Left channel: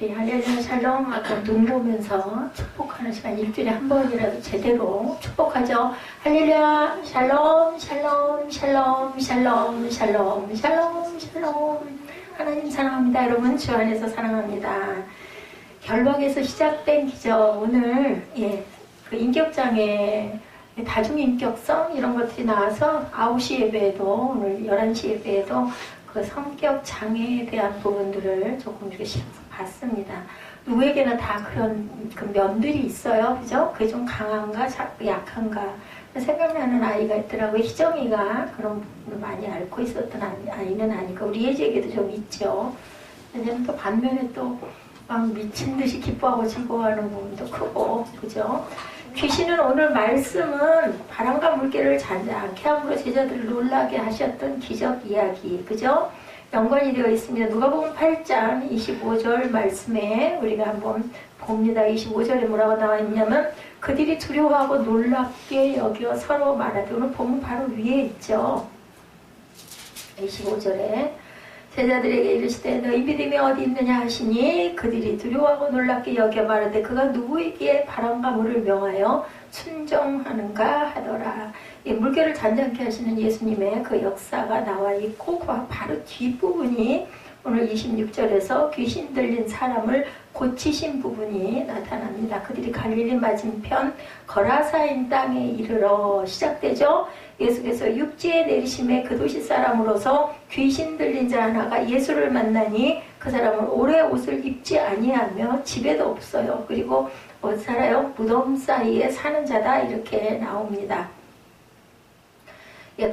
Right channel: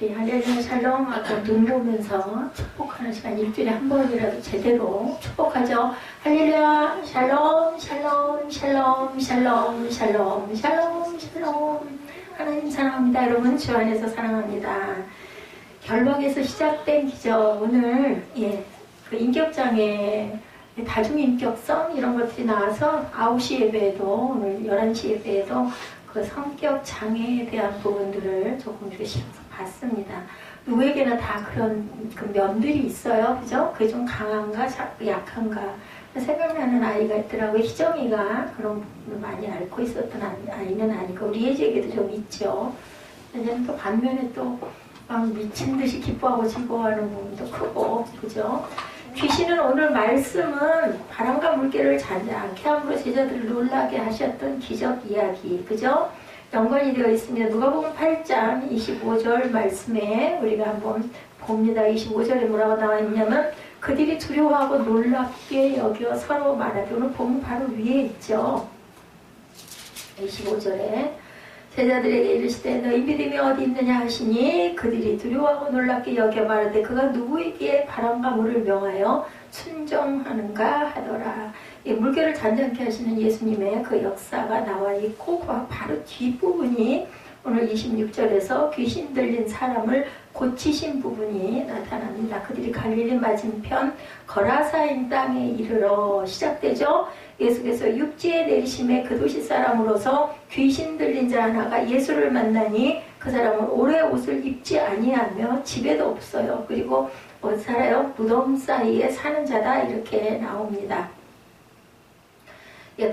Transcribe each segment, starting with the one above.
우리 할렐루야 샬롬 아까 눈 보면서 축복하는 시간 일주일에 한 번이라도 제대로 축복하죠. 할렐루야 샬롬 샬롬 샬롬 샬롬 샬롬 샬롬 샬롬. 하나님 사랑합니다. 여러분 주 안에서 사랑합니다. 결박에서 시작된 기적 오늘 그 인격장애 다중인격성 이런 것들이 나와서 9시 예배에도 오늘 11시 예배에도 그 성격 장애에 대한 부분들을 조금 이렇게 봤습니다. 누구에게나 다 그런 그 면들이 있어요. 그죠? 그게 좀 강한가 약한가 생각나는 아이가 있더라고요. 희정이가 그런 부분을 많이 앓고 있었던 아이는 아니고 우리 예지에게도 좀 있죠. 왜냐면 또 반면에 또 막 미친 듯이 기뻐하고 즐거워하는 부분도 크고 그죠? 귀신은 오늘 말씀은 바람과 물결을 자지 않게 함으로 제자들을 놀라게 하셨던 기적 이야기 그죠? 연관이 되어 있습니다. 누가복음 8장 25절 말씀에 우리가 한번 봅니다. 25절에 뭐라고 나와 있냐면 그들이 두려워하고 놀랍게 여겨 서로 말하되 오늘 보면 바로 위에 있죠. 25절에 제자들에게 이르시되 너희 믿음이 어디 있느냐 하시니 그들이 두려워하고 놀랍게 여겨 말하되 그가 누구에게 바람과 물을 명하여 순종하는가 하더라. 이 물결을 잔잔케 하시는 예수님의 그 역사가 나와 있고 바로 뒷부분이 오늘 26절에서 귀신 들린 사람을 고치신 부분이 나타납니다. 그들이 갈릴리 맞은편 거라사인 땅에 이르러 시작되죠. 예수께서 육지에 내리심에 그 도시 사람으로서 귀신 들린 자 하나가 예수를 만나니 그 사람은 오래 옷을 입지 아니하며 집에도 없어요. 그리고 어디 살아요? 무덤 사이에 사는 자다 이렇게 나옵니다.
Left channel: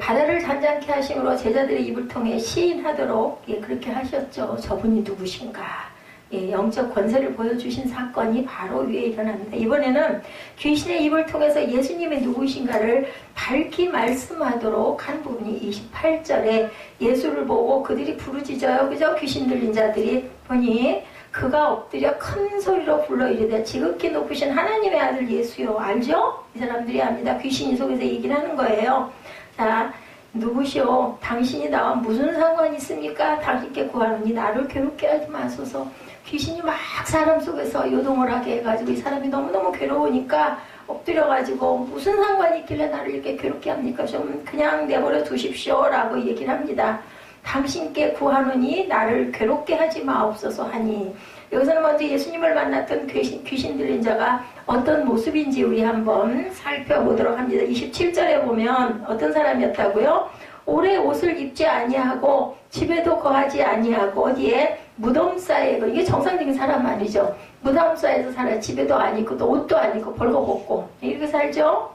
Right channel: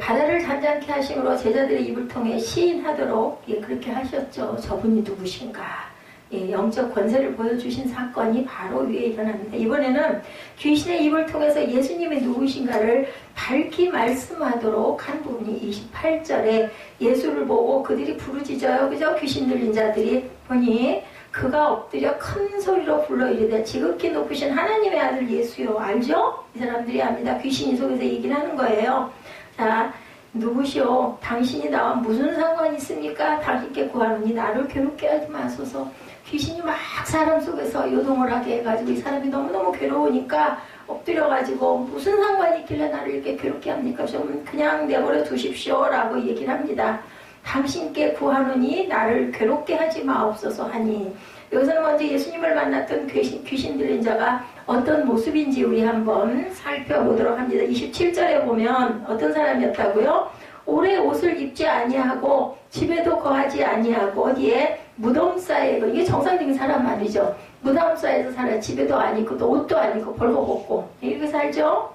바다를 잔잔케 하심으로 제자들의 입을 통해 시인하도록 그렇게 하셨죠. 저분이 누구신가? 영적 권세를 보여주신 사건이 바로 위에 일어납니다. 이번에는 귀신의 입을 통해서 예수님이 누구신가를 밝히 말씀하도록 한 부분이 28절에 예수를 보고 그들이 부르짖어요. 그죠? 귀신 들린 자들이 보니 그가 엎드려 큰 소리로 불러 이르되 지극히 높으신 하나님의 아들 예수요. 알죠? 이 사람들이 압니다. 귀신이 속에서 얘기를 하는 거예요. 자, 누구시오? 당신이 나와 무슨 상관이 있습니까? 당신께 구하노니 나를 괴롭게 하지 마소서. 귀신이 막 사람 속에서 요동을 하게 해가지고 이 사람이 너무너무 괴로우니까 엎드려가지고 무슨 상관이 있길래 나를 이렇게 괴롭게 합니까? 좀 그냥 내버려 두십시오 라고 얘기를 합니다. 당신께 구하노니 나를 괴롭게 하지 마옵소서 하니 여기서는 먼저 예수님을 만났던 귀신 들린 자가 어떤 모습인지 우리 한번 살펴보도록 합니다. 27절에 보면 어떤 사람이었다고요? 오래 옷을 입지 아니하고 집에도 거하지 아니하고 어디에 무덤사에 이게 정상적인 사람 아니죠. 무덤사에서 살아 집에도 안 있고 또 옷도 안 입고 벌거벗고 이렇게 살죠.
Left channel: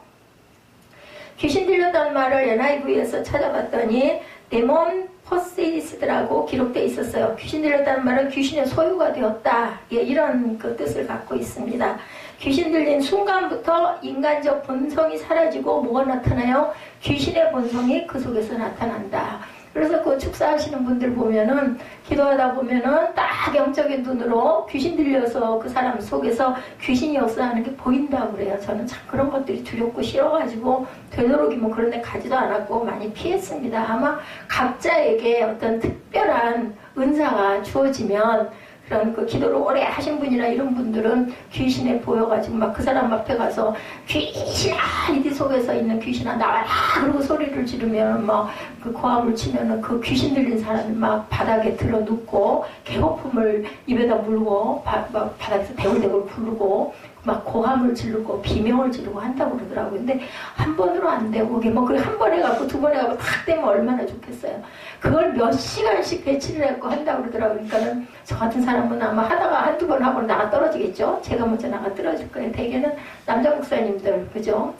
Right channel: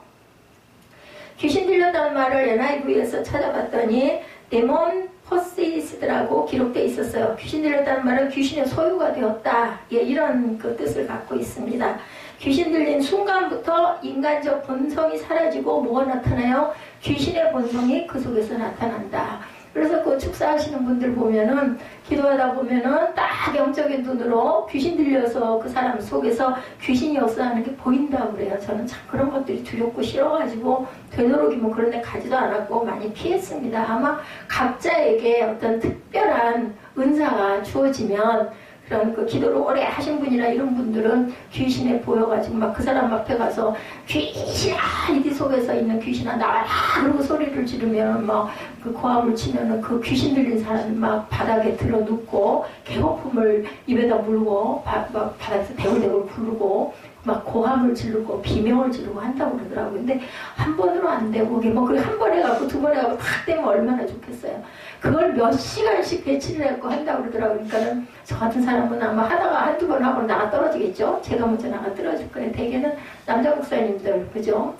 귀신 들렸다는 말을 NIV에서 찾아봤더니 데몬 포시스드라고 기록되어 있었어요. 귀신 들렸다는 말은 귀신의 소유가 되었다. 이런 그 뜻을 갖고 있습니다. 귀신 들린 순간부터 인간적 본성이 사라지고 뭐가 나타나요? 귀신의 본성이 그 속에서 나타난다. 그래서 그 축사하시는 분들 보면은 기도하다 보면은 딱 영적인 눈으로 귀신 들려서 그 사람 속에서 귀신이 역사하는 게 보인다고 그래요. 저는 참 그런 것들이 두렵고 싫어가지고 되도록이면 그런 데 가지도 않았고 많이 피했습니다. 아마 각자에게 어떤 특별한 은사가 주어지면 그런 그 기도를 오래 하신 분이나 이런 분들은 귀신에 보여가지고 막 그 사람 앞에 가서 귀신아 이리 속에서 있는 귀신아 나와라 그러고 소리를 지르면 막 그 고함을 치면은 그 귀신 들린 사람이 막 바닥에 들어 눕고 개거품을 입에다 물고 막 바닥에서 대굴대굴 부르고 막 고함을 지르고 비명을 지르고 한다고 그러더라고요. 근데 한 번으로 안 되고 뭐 그래 한 번 해갖고 두 번 해갖고 탁 되면 얼마나 좋겠어요. 그걸 몇 시간씩 배치를 해갖고 한다고 그러더라고요. 그러니까는 저 같은 사람은 아마 하다가 한두 번 하고 나가 떨어지겠죠. 제가 먼저 나가 떨어질 거예요. 대개는 남자 목사님들 그죠?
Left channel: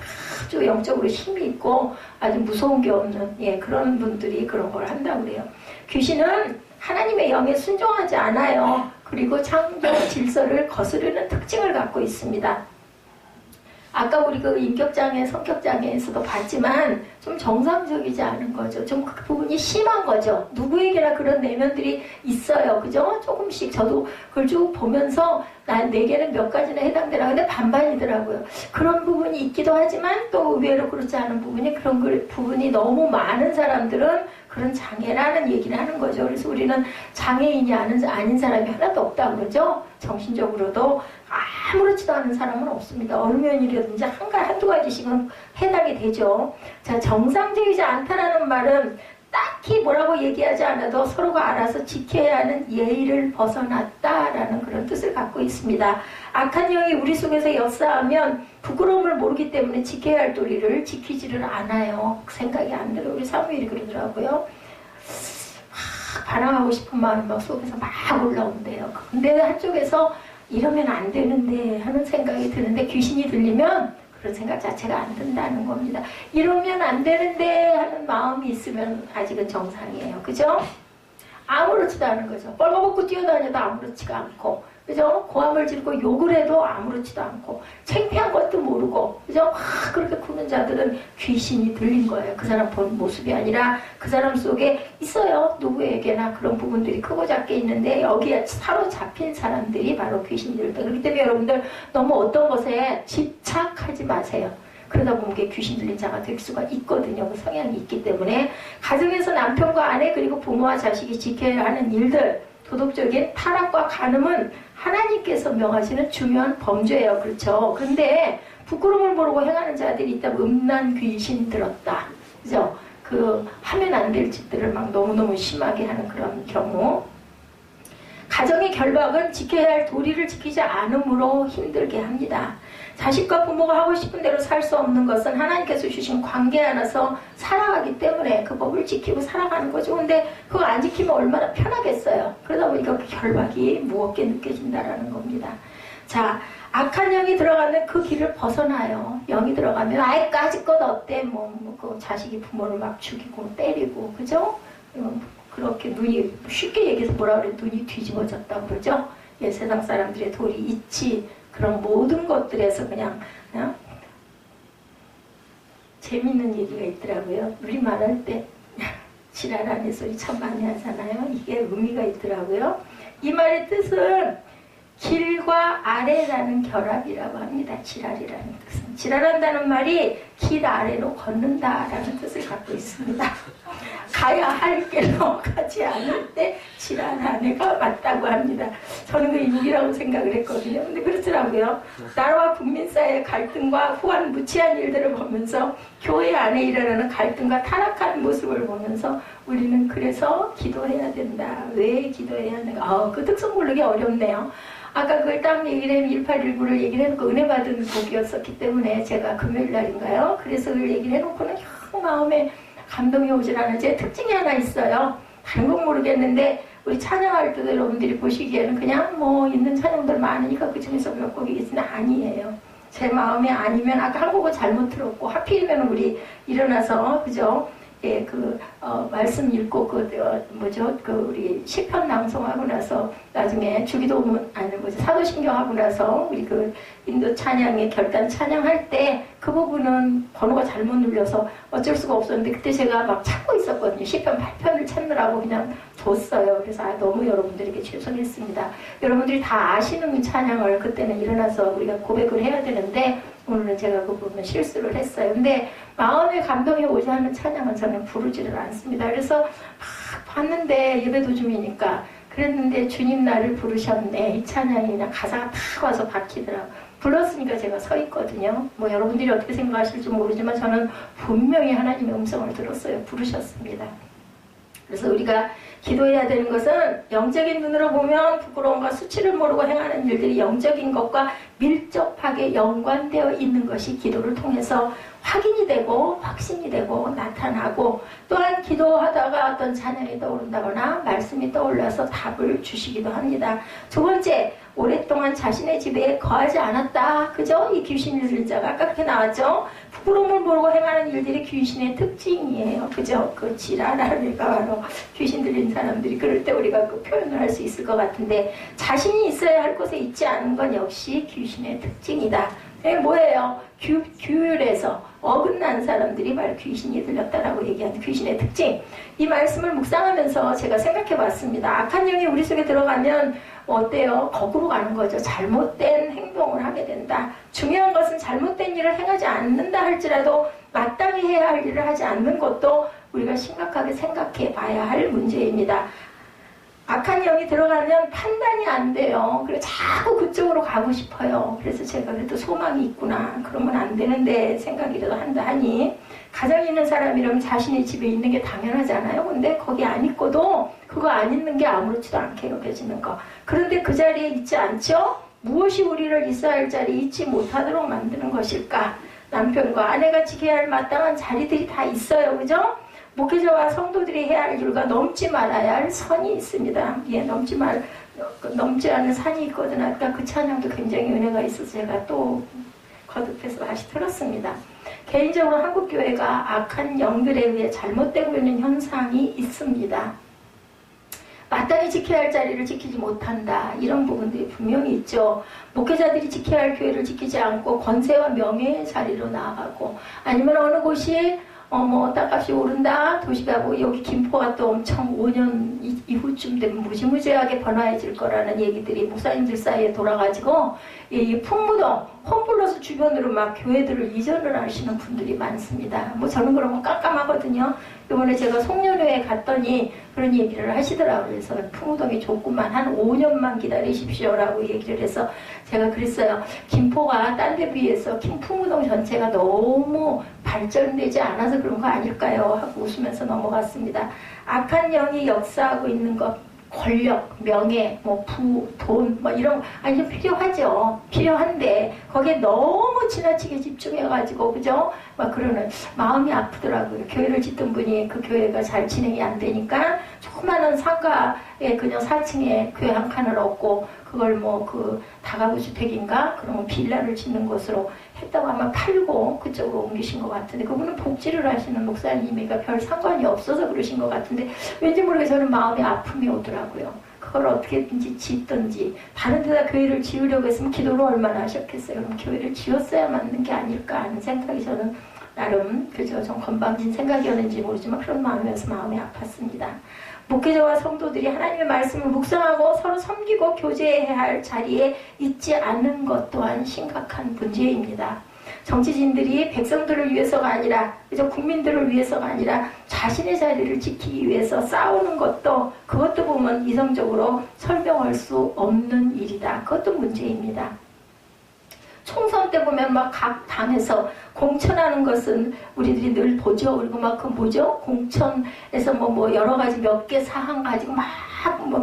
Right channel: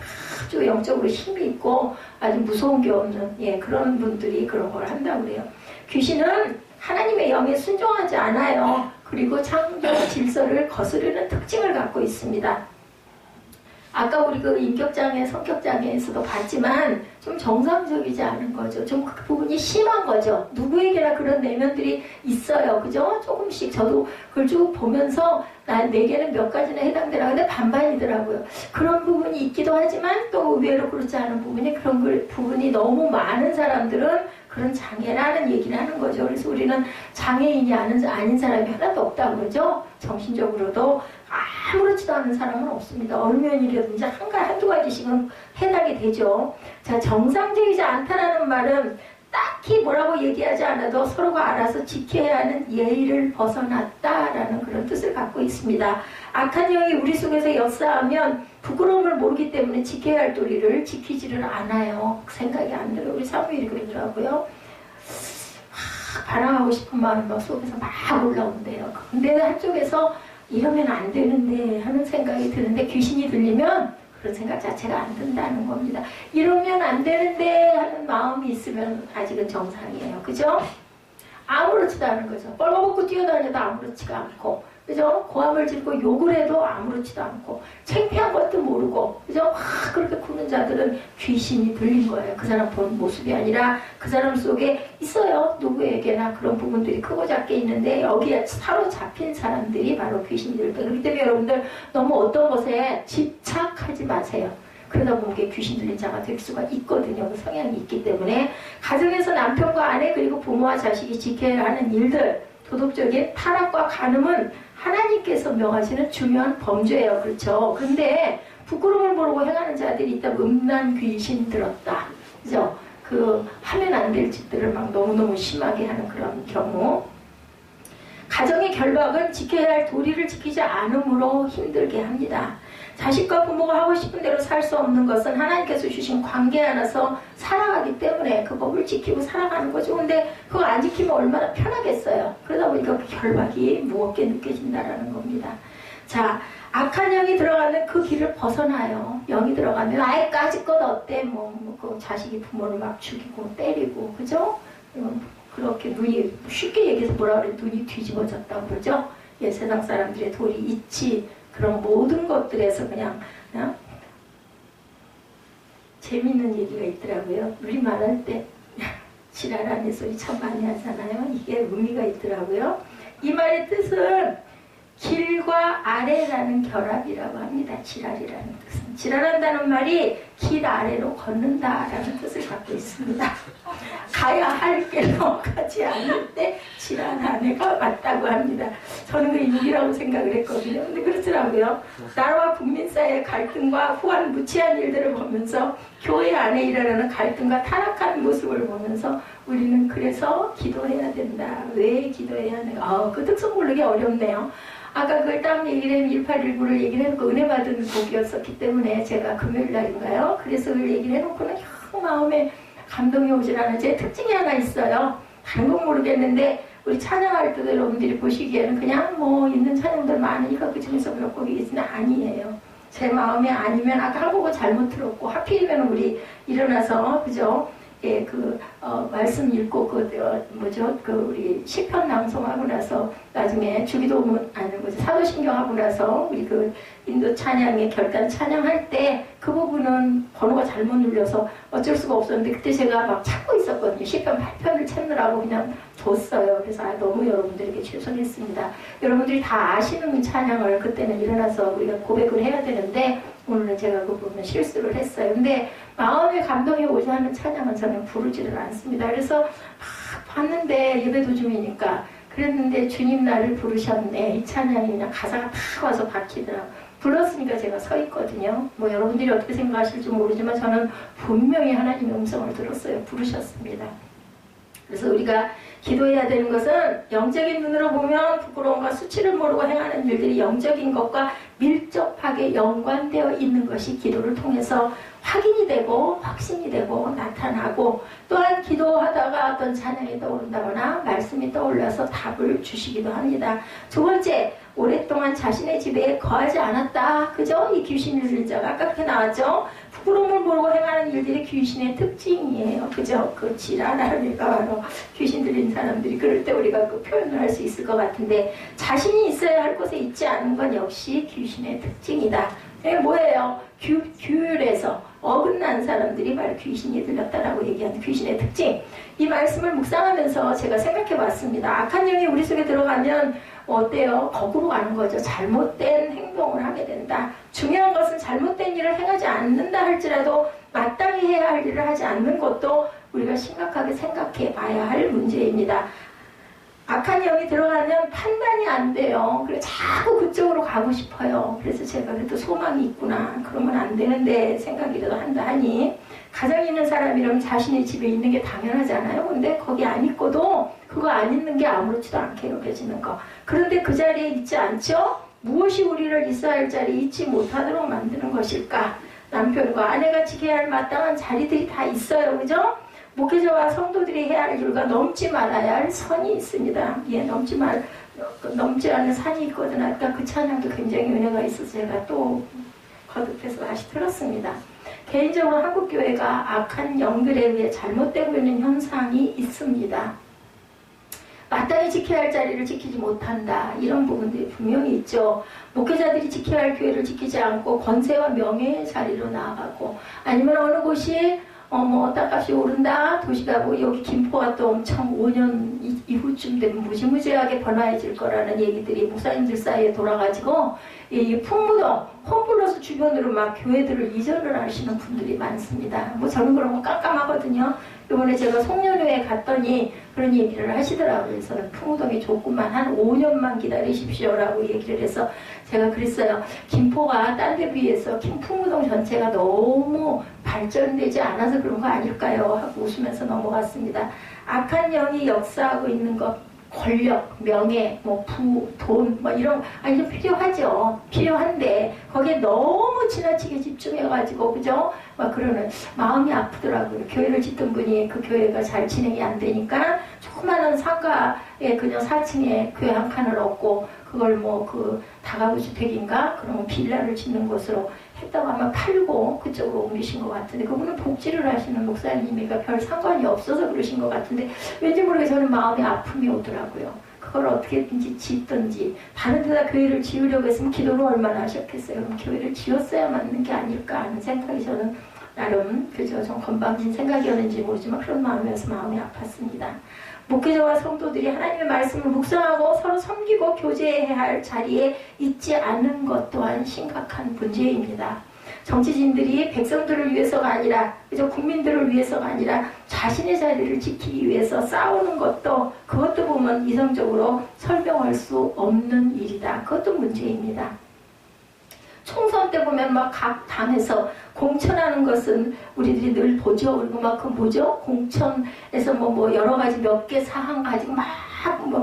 아주 영적으로 힘이 있고 아주 무서운 게 없는 그런 분들이 그런 걸 한다고 그래요. 귀신은 하나님의 영에 순종하지 않아요. 그리고 창조 질서를 거스르는 특징을 갖고 있습니다. 아까 우리 그 인격장애, 성격장애에서도 봤지만 좀 정상적이지 않은 거죠. 좀 그 부분이 심한 거죠. 누구에게나 그런 내면들이 있어요. 그죠? 조금씩 저도 그걸 쭉 보면서 내게는 몇 가지나 해당되라. 근데 반반이더라고요. 그런 부분이 있기도 하지만 또 의외로 그렇지 않은 부분이 부분이 너무 많은 사람들은 그런 장애라는 얘기를 하는 거죠. 그래서 우리는 장애인이 아닌 사람이 하나도 없다고 그러죠. 정신적으로도 아무렇지도 않은 사람은 없습니다. 얼면이라든지 한두 가지씩은 해당이 되죠. 자, 정상적이지 않다라는 말은 딱히 뭐라고 얘기하지 않아도 서로가 알아서 지켜야 하는 예의를 벗어났다라는 그런 뜻을 갖고 있습니다. 악한 영이 우리 속에서 역사하면 부끄러움을 모르기 때문에 지켜야 할 도리를 지키지를 않아요. 생각이 안 들어요. 우리 사무엘이 그러더라고요. 반항하고 싶은 마음이 막 속에서 막 올라온대요. 근데 한쪽에서 이러면 안 되는데 하는 생각이 드는데 귀신이 들리면 그런 생각 자체가 안 든다는 겁니다. 이러면 안 되는데 하는 마음이 있으면 아직은 정상이에요. 그죠? 아무렇지도 않은 거죠. 뻘거벗고 뛰어다녀도 아무렇지가 않고, 그죠? 고함을 지르고 욕을 해도 아무렇지도 않고, 창피한 것도 모르고, 그죠? 막 그렇게 구는 자들은 귀신이 들린 거예요. 그 사람 본 모습이 아니라 그 사람 속에 있어요. 누구에게나 그런 부분들이 크고 작게 있는데 여기에 사로잡힌 사람들이 바로 귀신들이다. 그렇기 때문에 여러분들 너무 어떤 것에 집착하지 마세요. 그러다 보면 귀신 들린 자가 될 수가 있거든요. 그 성향이 있기 때문에 가정에서 남편과 아내 그리고 부모와 자식이 지켜야 하는 일들, 도덕적인 타락과 간음은 하나님께서 명하시는 중요한 범죄예요. 그렇죠? 그런데 부끄러움을 모르고 행하는 자들이 있다면 음란 귀신 들었다. 그죠? 그 하면 안 될 짓들을 막 너무너무 심하게 하는 그런 경우. 가정의 결박은 지켜야 할 도리를 지키지 않음으로 힘들게 합니다. 자식과 부모가 하고 싶은 대로 살 수 없는 것은 하나님께서 주신 관계 안에서 살아가기 때문에 그 법을 지키고 살아가는 거죠. 근데 그거 안 지키면 얼마나 편하겠어요. 그러다 보니까 그 결박이 무겁게 느껴진다라는 겁니다. 자, 악한 영이 들어가면 그 길을 벗어나요. 영이 들어가면 아예 까짓것 어때? 그 자식이 부모를 막 죽이고 때리고, 그죠? 그렇게 눈이, 쉽게 얘기해서 뭐라 그래? 눈이 뒤집어졌다고 그러죠? 예, 세상 사람들의 도리, 이치, 그런 모든 것들에서 그냥 재밌는 얘기가 있더라고요. 우리 말할 때 지랄하는 소리 참 많이 하잖아요. 이게 의미가 있더라고요. 이 말의 뜻은 길과 아래라는 결합이라고 합니다. 지랄이라는 뜻은. 지랄한다는 말이 길 아래로 걷는다라는 뜻을 갖고 있습니다. 가야 할 길로 가지 않을 때 지랄한 애가 맞다고 합니다. 저는 그 인기라고 생각을 했거든요. 근데 그렇더라고요. 나라와 국민 사이의 갈등과 후한 무치한 일들을 보면서 교회 안에 일어나는 갈등과 타락한 모습을 보면서 우리는 그래서 기도해야 된다. 왜 기도해야 하는가? 그 특성 모르기 어렵네요. 아까 그걸 딱 얘기를 1819를 얘기를 해놓고 은혜 받은 곡이었었기 때문에 제가 금요일 날인가요? 그래서 그걸 얘기를 해놓고는 마음에 감동이 오질 않아요. 제 특징이 하나 있어요. 다른 건 모르겠는데 우리 찬양할 때도 여러분들이 보시기에는 그냥 뭐 있는 찬양들 많으니까 그 중에서 몇 곡이겠지는 아니에요. 제 마음에 아니면 아까 한 곡은 잘못 들었고 하필이면 우리 일어나서 그죠? 예, 말씀 읽고, 우리 시편 낭송하고 나서, 나중에 주기도문, 사도신경 하고 나서, 우리 인도 찬양의 결단 찬양할 때, 그 부분은 번호가 잘못 눌려서 어쩔 수가 없었는데, 그때 제가 막 찾고 있었거든요. 시편 8편을 찾느라고 그냥 뒀어요. 그래서 너무 여러분들에게 죄송했습니다. 여러분들이 다 아시는 찬양을 그때는 일어나서 우리가 고백을 해야 되는데, 오늘은 제가 그 부분 실수를 했어요. 근데 마음의 감동이 오지 않는 찬양은 저는 부르지를 않습니다. 그래서 막 봤는데 예배도 중이니까 그랬는데 주님 나를 부르셨네. 이 찬양이 그냥 가사가 탁 와서 박히더라고요. 불렀으니까 제가 서 있거든요. 뭐 여러분들이 어떻게 생각하실지 모르지만 저는 분명히 하나님의 음성을 들었어요. 부르셨습니다. 그래서 우리가 기도해야 되는 것은 영적인 눈으로 보면 부끄러움과 수치를 모르고 행하는 일들이 영적인 것과 밀접하게 연관되어 있는 것이 기도를 통해서 확인이 되고 확신이 되고 나타나고, 또한 기도하다가 어떤 찬양이 떠오른다거나 말씀이 떠올라서 답을 주시기도 합니다. 두 번째, 오랫동안 자신의 집에 거하지 않았다. 그죠? 이 귀신을 들린 자가 아까 그렇게 나왔죠? 부끄러움을 모르고 행하는 일들이 귀신의 특징이에요. 그죠? 그 지랄하니까 바로 귀신 들린 사람들이 그럴 때 우리가 그 표현을 할 수 있을 것 같은데, 자신이 있어야 할 곳에 있지 않은 건 역시 귀신의 특징이다. 이게 뭐예요? 규율에서 어긋난 사람들이 바로 귀신이 들렸다라고 얘기하는 귀신의 특징. 이 말씀을 묵상하면서 제가 생각해 봤습니다. 악한 영이 우리 속에 들어가면 어때요? 거꾸로 가는 거죠. 잘못된 행동을 하게 된다. 중요한 것은 잘못된 일을 행하지 않는다 할지라도 마땅히 해야 할 일을 하지 않는 것도 우리가 심각하게 생각해 봐야 할 문제입니다. 악한 영이 들어가면 판단이 안 돼요. 그래서 자꾸 그쪽으로 가고 싶어요. 그래서 제가 그래도 소망이 있구나. 그러면 안 되는데 생각이라도 한다 하니 가정 있는 사람이라면 자신의 집에 있는 게 당연하잖아요. 근데 거기 안 있고도 그거 안 있는 게 아무렇지도 않게 여겨지는 거. 그런데 그 자리에 있지 않죠? 무엇이 우리를 있어야 할 자리에 있지 못하도록 만드는 것일까? 남편과 아내가 지켜야 할 마땅한 자리들이 다 있어요. 그죠? 목회자와 성도들이 해야 할 일과 넘지 말아야 할 선이 있습니다. 예, 넘지 않는 산이 있거든. 아까 그 찬양도 굉장히 은혜가 있어서 제가 또 거듭해서 다시 들었습니다. 개인적으로 한국교회가 악한 영들에 의해 잘못되고 있는 현상이 있습니다. 마땅히 지켜야 할 자리를 지키지 못한다. 이런 부분들이 분명히 있죠. 목회자들이 지켜야 할 교회를 지키지 않고 권세와 명예의 자리로 나아가고, 아니면 어느 곳이 땅값이 오른다. 도시가 뭐 여기 김포가 또 엄청 5년 이후쯤 되면 무지무지하게 번화해질 거라는 얘기들이 목사님들 사이에 돌아가지고 이 풍무동, 홈플러스 주변으로 막 교회들을 이전을 하시는 분들이 많습니다. 뭐 저는 그런 거 깜깜하거든요. 이번에 제가 송년회에 갔더니 그런 얘기를 하시더라고요. 그래서 풍무동이 좋구만, 한 5년만 기다리십시오라고 얘기를 해서 제가 그랬어요. 김포가 딴 데 비해서 풍무동 전체가 너무 발전되지 않아서 그런 거 아닐까요? 하고 웃으면서 넘어갔습니다. 악한 영이 역사하고 있는 것, 권력, 명예, 돈, 이런, 좀 필요하죠. 필요한데, 거기에 너무 지나치게 집중해가지고, 그죠? 그러는 마음이 아프더라고요. 교회를 짓던 분이 그 교회가 잘 진행이 안 되니까, 조그마한 상가에 그냥 4층에 교회 한 칸을 얻고, 그걸 다가구 주택인가? 그러면 빌라를 짓는 곳으로 했다고 아마 팔고 그쪽으로 옮기신 것 같은데, 그분은 복지를 하시는 목사님이니까 별 상관이 없어서 그러신 것 같은데, 왠지 모르게 저는 마음이 아픔이 오더라고요. 그걸 어떻게든지 짓든지, 다른 데다 교회를 지으려고 했으면 기도를 얼마나 하셨겠어요. 그럼 교회를 지었어야 맞는 게 아닐까 하는 생각이 저는 나름, 그죠? 좀 건방진 생각이었는지 모르지만 그런 마음이어서 마음이 아팠습니다. 목회자와 성도들이 하나님의 말씀을 묵상하고 서로 섬기고 교제해야 할 자리에 있지 않는 것 또한 심각한 문제입니다. 정치진들이 백성들을 위해서가 아니라, 그저 국민들을 위해서가 아니라 자신의 자리를 지키기 위해서 싸우는 것도, 그것도 보면 이성적으로 설명할 수 없는 일이다. 그것도 문제입니다. 총선 때 보면 각 당에서 공천하는 것은 우리들이 늘 보죠. 그리고 그 뭐죠? 공천에서 여러 가지 몇 개 사항 가지고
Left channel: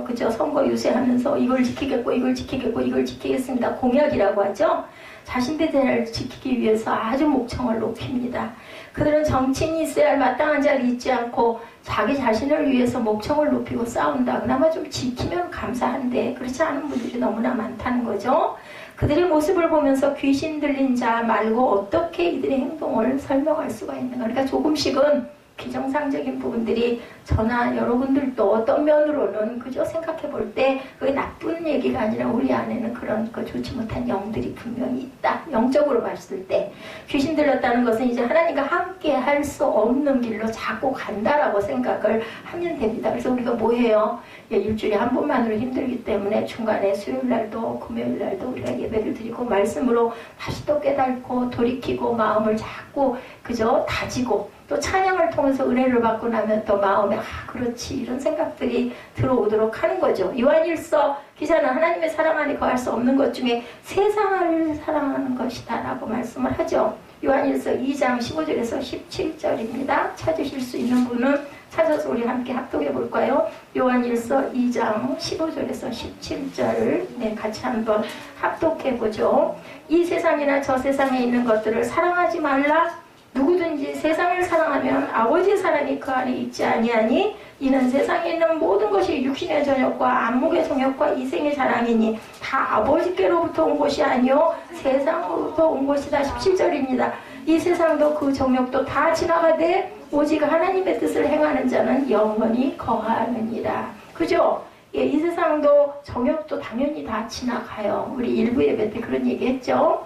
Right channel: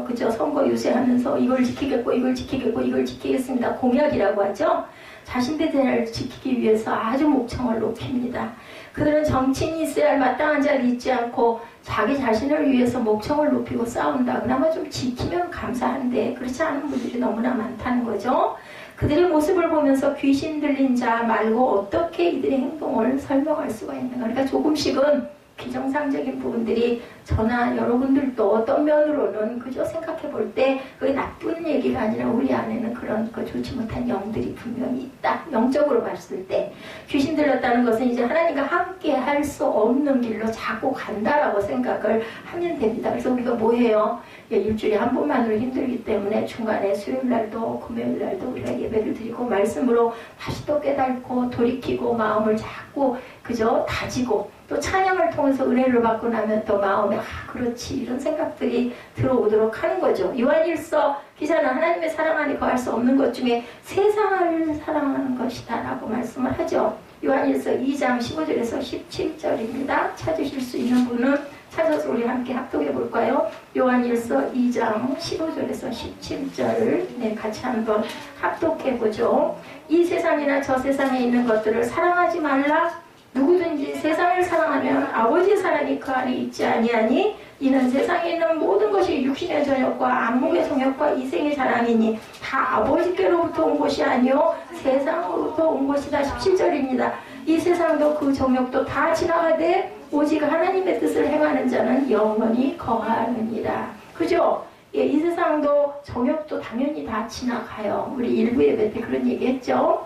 그죠? 선거 유세하면서 이걸 지키겠고, 이걸 지키겠고, 이걸 지키겠습니다. 공약이라고 하죠. 자신들의 자리를 지키기 위해서 아주 목청을 높입니다. 그들은 정치인이 있어야 할 마땅한 자리에 있지 않고 자기 자신을 위해서 목청을 높이고 싸운다. 그나마 좀 지키면 감사한데 그렇지 않은 분들이 너무나 많다는 거죠. 그들의 모습을 보면서 귀신 들린 자 말고 어떻게 이들의 행동을 설명할 수가 있는가. 그러니까 조금씩은 비정상적인 부분들이 저나 여러분들도 어떤 면으로는 그저 생각해 볼 때 그게 나쁜 얘기가 아니라 우리 안에는 그런 좋지 못한 영들이 분명히 있다. 영적으로 봤을 때 귀신 들렸다는 것은 이제 하나님과 함께 할 수 없는 길로 자꾸 간다라고 생각을 하면 됩니다. 그래서 우리가 뭐 해요? 일주일에 한 번만으로 힘들기 때문에 중간에 수요일날도 금요일날도 우리가 예배를 드리고 말씀으로 다시 또 깨닫고 돌이키고 마음을 자꾸 그저 다지고, 또 찬양을 통해서 은혜를 받고 나면 또 마음에 그렇지, 이런 생각들이 들어오도록 하는 거죠. 요한일서 기자는 하나님의 사랑 안에 거할 수 없는 것 중에 세상을 사랑하는 것이다 라고 말씀을 하죠. 요한일서 2장 15절에서 17절입니다. 찾으실 수 있는 분은 찾아서 우리 함께 합독해 볼까요? 요한일서 2장 15절에서 17절을 같이 한번 합독해 보죠. 이 세상이나 저 세상에 있는 것들을 사랑하지 말라. 누구든지 세상을 사랑하면 아버지의 사랑이 그 안에 있지 아니하니 이는 세상에 있는 모든 것이 육신의 정욕과 안목의 정욕과 이생의 자랑이니 다 아버지께로부터 온 것이 아니요 세상으로부터 온 것이다. 17절입니다. 이 세상도 그 정욕도 다 지나가되 오직 하나님의 뜻을 행하는 자는 영원히 거하느니라. 그죠? 이 세상도 정욕도 당연히 다 지나가요. 우리 일부 예배 때 그런 얘기 했죠.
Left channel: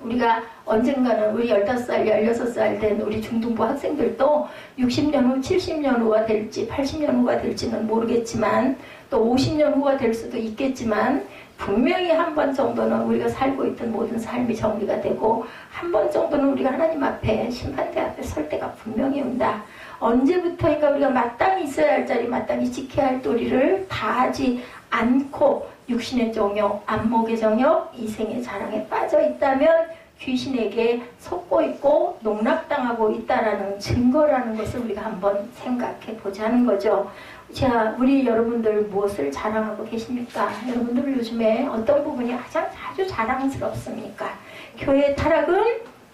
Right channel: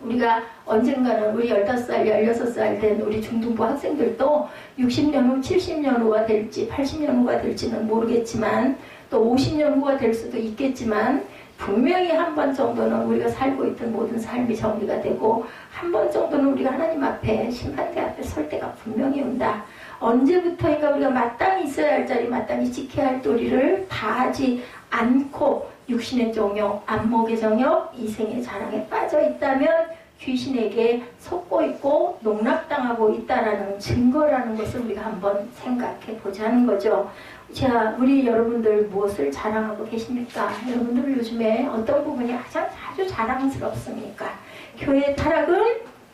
우리가 언젠가는 우리 15살, 16살 된 우리 중등부 학생들도 60년 후, 70년 후가 될지 80년 후가 될지는 모르겠지만 또 50년 후가 될 수도 있겠지만 분명히 한 번 정도는 우리가 살고 있던 모든 삶이 정리가 되고 한 번 정도는 우리가 하나님 앞에 심판대 앞에 설 때가 분명히 온다. 언제부터인가 우리가 마땅히 있어야 할 자리, 마땅히 지켜야 할 도리를 다하지 않고 육신의 정욕, 안목의 정욕, 이생의 자랑에 빠져 있다면 귀신에게 속고 있고 농락당하고 있다라는 증거라는 것을 우리가 한번 생각해 보자는 거죠. 자, 우리 여러분들 무엇을 자랑하고 계십니까? 여러분들 요즘에 어떤 부분이 아주 자랑스럽습니까? 교회의 타락은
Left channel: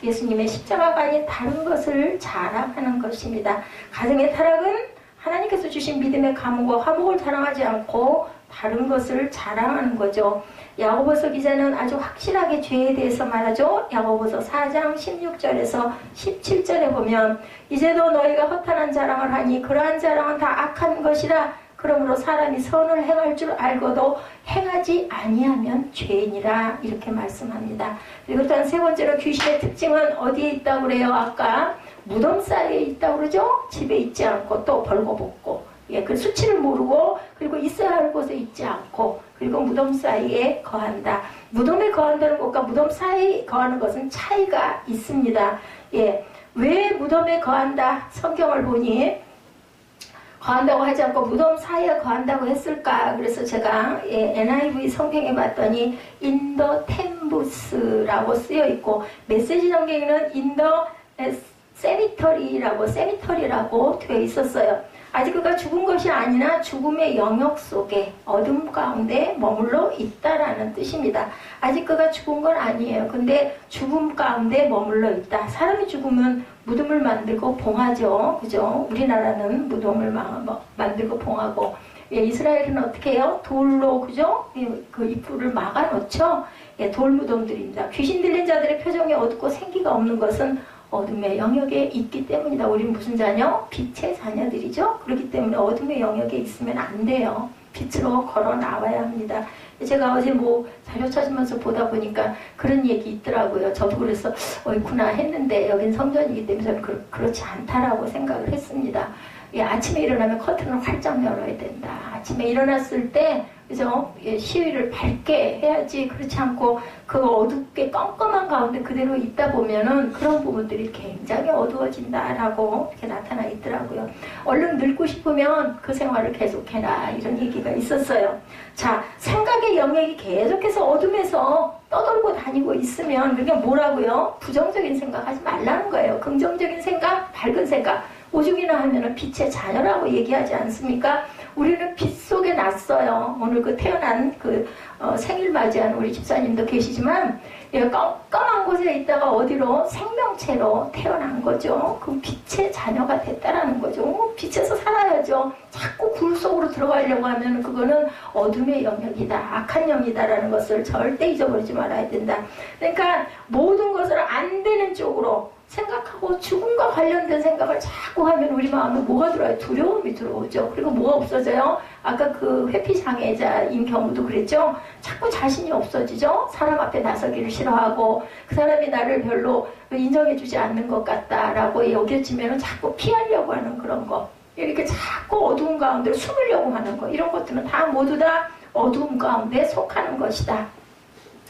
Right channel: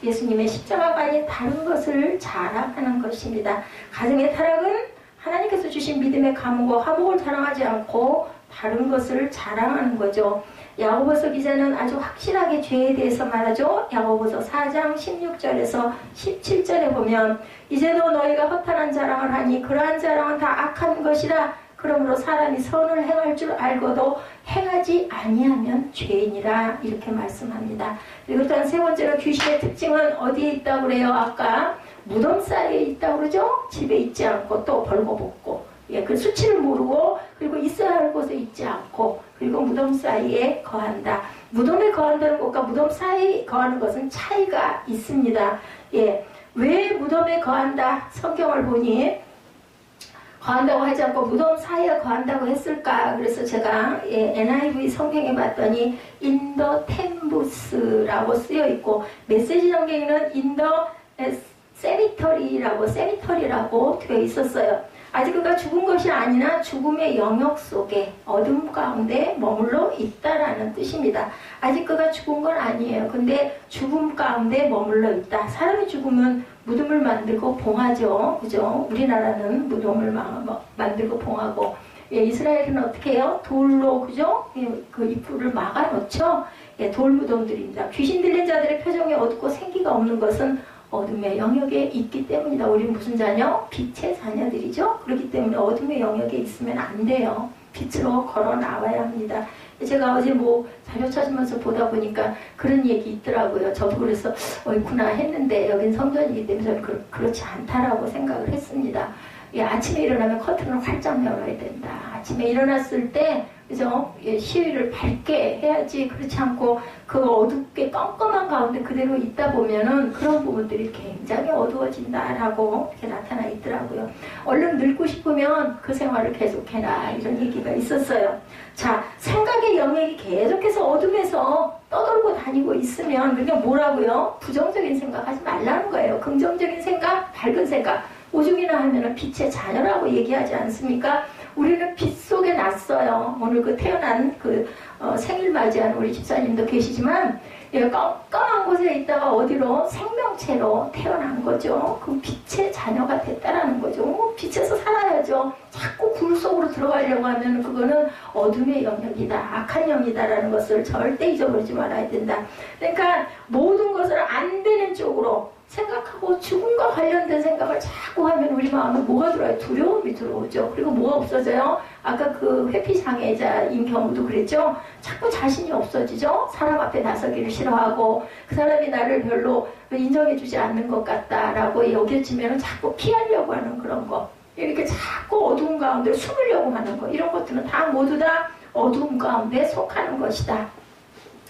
예수님의 십자가가 아닌 다른 것을 자랑하는 것입니다. 가정의 타락은 하나님께서 주신 믿음의 감옥과 화목을 자랑하지 않고 다른 것을 자랑하는 거죠. 야고보서 기자는 아주 확실하게 죄에 대해서 말하죠. 야고보서 4장 16절에서 17절에 보면 이제도 너희가 허탄한 자랑을 하니 그러한 자랑은 다 악한 것이라. 그러므로 사람이 선을 행할 줄 알고도 행하지 아니하면 죄인이라. 이렇게 말씀합니다. 그리고 또한 세 번째로 귀신의 특징은 어디에 있다고 그래요? 아까 무덤 사이에 있다고 그러죠? 집에 있지 않고 또 벌거벗고, 예, 그 수치를 모르고, 그리고 있어야 할 곳에 있지 않고, 그리고 무덤 사이에 거한다. 무덤에 거한다는 것과 무덤 사이에 거하는 것은 차이가 있습니다. 예, 왜 무덤에 거한다? 성경을 보니 거한다고 하지 않고 무덤 사이에 거한다고 했을까? 그래서 제가 NIV 성경에 봤더니 in the 템부스라고 쓰여 있고, 메시지 성경에는 in the 세미터리라고 되어 있었어요. 아직 그가 죽은 것이 아니라 죽음의 영역 속에 어둠 가운데 머물러 있다라는 뜻입니다. 아직 그가 죽은 건 아니에요. 근데 죽음 가운데 머물러 있다. 사람이 죽으면 무덤을 만들고 봉하죠. 그죠? 우리나라는 무덤을 만들고 봉하고, 예, 이스라엘은 어떻게 해요? 돌로, 그죠? 예, 그 입구를 막아놓죠. 예, 돌 무덤들입니다. 귀신 들린 자들의 표정이 어둡고 생기가 없는 것은 어둠의 영역에 있기 때문이다. 우리는 무슨 자녀? 빛의 자녀들이죠. 그렇기 때문에 어둠의 영역에 있으면 안 돼요. 빛으로 걸어 나와야 합니다. 제가 어제 자료 찾으면서 보다 보니까 그런 얘기 있더라고요. 저도 그래서 어이구나 했는데 여긴 성전이기 때문에 저는 그렇지 않다라고 생각을 했습니다. 예, 아침에 일어나면 커튼을 활짝 열어야 된다. 아침에 일어났을 때, 그죠? 예, 시위를 밝게 해야지. 그렇지 않고 그 어둡게 껌껌한 가운데 그대로 있다 보면은 그런 부분들이 굉장히 어두워진다라고 이렇게 나타나 있더라고요. 얼른 늙고 싶으면 그 생활을 계속해라. 이런 얘기가 있었어요. 자, 생각의 영역이 계속해서 어둠에서 떠돌고 다니고 있으면 그게 뭐라고요? 부정적인 생각하지 말라는 거예요. 긍정적인 생각, 밝은 생각. 오죽이나 하면은 빛의 자녀라고 얘기하지 않습니까? 우리는 빛 속에 났어요. 오늘 그 태어난 생일 맞이하는 우리 집사님도 계시지만, 예, 깜깜한 곳에 있다가 어디로 생명체로 태어난 거죠. 그 빛의 자녀가 됐다라는 거죠. 빛에서 살아야죠. 자꾸 굴 속으로 들어가려고 하면 그거는 어둠의 영역이다. 악한 영이다라는 것을 절대 잊어버리지 말아야 된다. 그러니까 모든 것을 안 되는 쪽으로 생각하고 죽음과 관련된 생각을 자꾸 하면 우리 마음에 뭐가 들어요? 두려움이 들어오죠. 그리고 뭐가 없어져요? 아까 그 회피장애자인 경우도 그랬죠. 자꾸 자신이 없어지죠. 사람 앞에 나서기를 싫어하고 그 사람이 나를 별로 인정해주지 않는 것 같다라고 여겨지면 자꾸 피하려고 하는 그런 거. 이렇게 자꾸 어두운 가운데 숨으려고 하는 거. 이런 것들은 다 모두 다 어두운 가운데 속하는 것이다.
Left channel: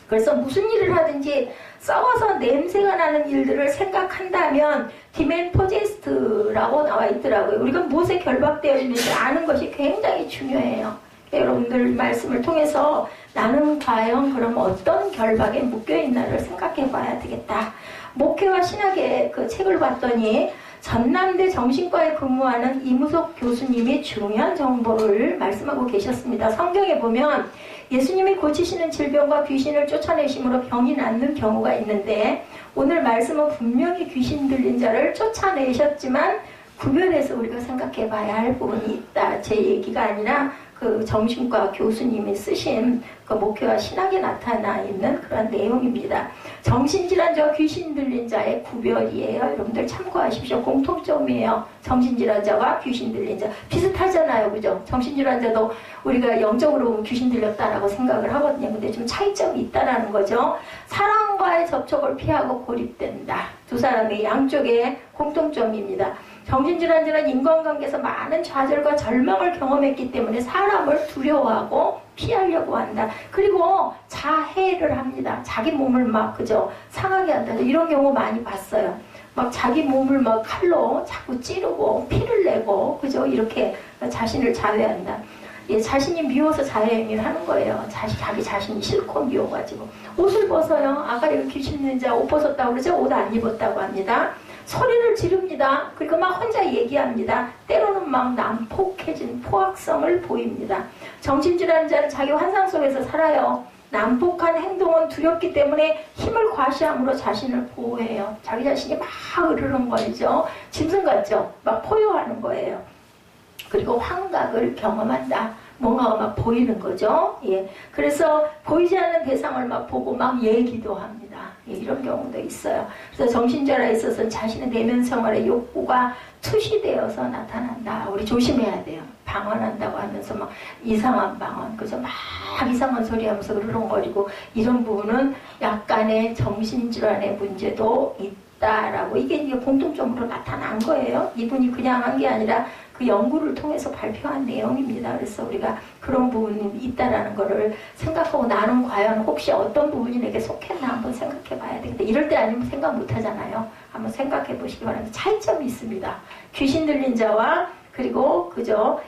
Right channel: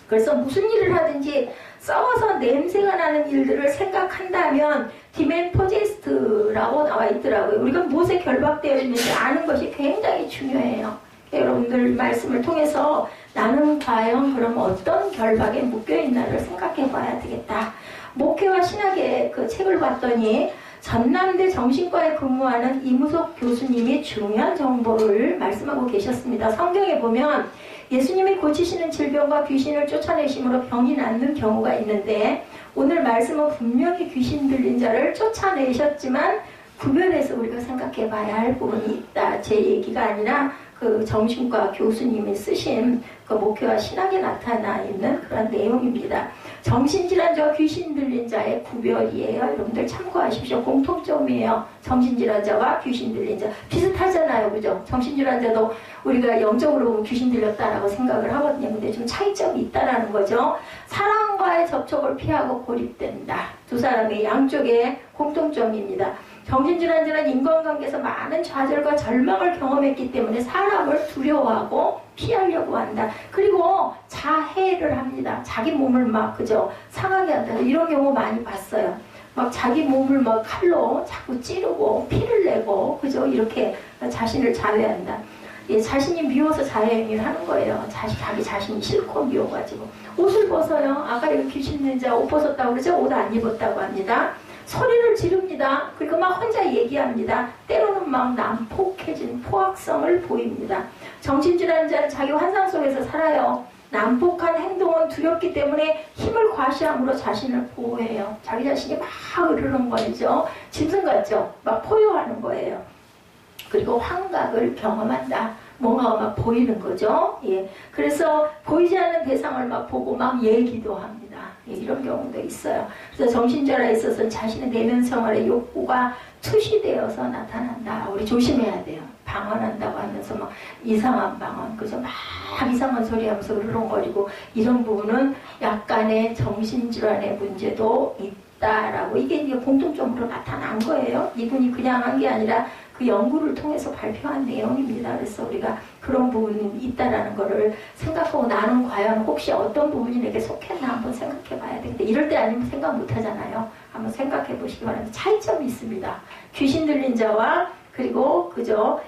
그래서 무슨 일을 하든지 싸워서 냄새가 나는 일들을 생각한다면 디멘 포제스트라고 나와 있더라고요. 우리가 무엇에 결박되어 있는지 아는 것이 굉장히 중요해요. 여러분들 말씀을 통해서 나는 과연 그럼 어떤 결박에 묶여있나를 생각해 봐야 되겠다. 목회와 신학의 그 책을 봤더니 전남대 정신과에 근무하는 이무석 교수님이 중요한 정보를 말씀하고 계셨습니다. 성경에 보면 예수님이 고치시는 질병과 귀신을 쫓아내심으로 병이 낫는 경우가 있는데, 오늘 말씀은 분명히 귀신 들린 자를 쫓아내셨지만 구별해서 우리가 생각해 봐야 할 부분이 있다. 제 얘기가 아니라 그 정신과 교수님이 쓰신 그 목회와 신학에 나타나 있는 그런 내용입니다. 정신질환자와 귀신 들린 자의 구별이에요. 여러분들 참고하십시오. 공통점이에요. 정신질환자와 귀신 들린 자. 비슷하잖아요. 그죠? 정신질환자도 우리가 영적으로 보면 귀신 들렸다라고 생각을 하거든요. 근데 좀 차이점이 있다라는 거죠. 사람과의 접촉을 피하고 고립된다. 두 사람의 양쪽의 공통점입니다. 정신질환자는 인간관계에서 많은 좌절과 절망을 경험했기 때문에 사람을 두려워하고 피하려고 한다. 그리고 자해를 합니다. 자기 몸을 막 그죠 상하게 한다. 이런 경우 많이 봤어요. 막 자기 몸을 막 칼로 자꾸 찌르고 피를 내고 그죠? 이렇게 자신을 자해한다. 예, 자신이 미워서 자해행위를 하는 거예요. 자기 자신이 싫고 미워가지고 옷을 벗어요. 아까 이거 귀신 있는 자 옷 벗었다고 그러죠? 옷 안 입었다고 합니다. 소리를 지릅니다. 그리고 막 혼자 얘기합니다. 때로는 막 난폭해진 포악성을 보입니다. 정신질환 자는 자기 환상 속에서 살아요. 난폭한 행동은 두렵기 때문에 힘을 과시함으로 자신을 보호해요. 자기 자신이 막 으르렁거리죠. 짐승 같죠? 막 포효하는 거예요. 그리고 환각을 경험한다. 뭔가 막 보이는 거죠. 예. 그래서 보이지 않는 대상을 막 보고 막 얘기도 합니다. 예, 이런 경우도 있어요. 그래서 정신질환에 있어서는 자신의 내면 생활의 욕구가 투시되어서 나타난다. 우리 조심해야 돼요. 방언한다고 하면서 막 이상한 방언, 그죠? 막 이상한 소리 하면서 으르렁거리고 이런 부분은 약간의 정신질환의 문제도 있다라고 이게 공통점으로 나타난 거예요. 이분이 그냥 한 게 아니라 그 연구를 통해서 발표한 내용입니다. 그래서 우리가 그런 부분이 있다라는 거를 생각하고 나는 과연 혹시 어떤 부분이 내게 속했나 한번 생각해 봐야 되겠다. 이럴 때 아니면 생각 못 하잖아요. 한번 생각해 보시기 바랍니다. 차이점이 있습니다. 귀신 들린 자와 그리고 그저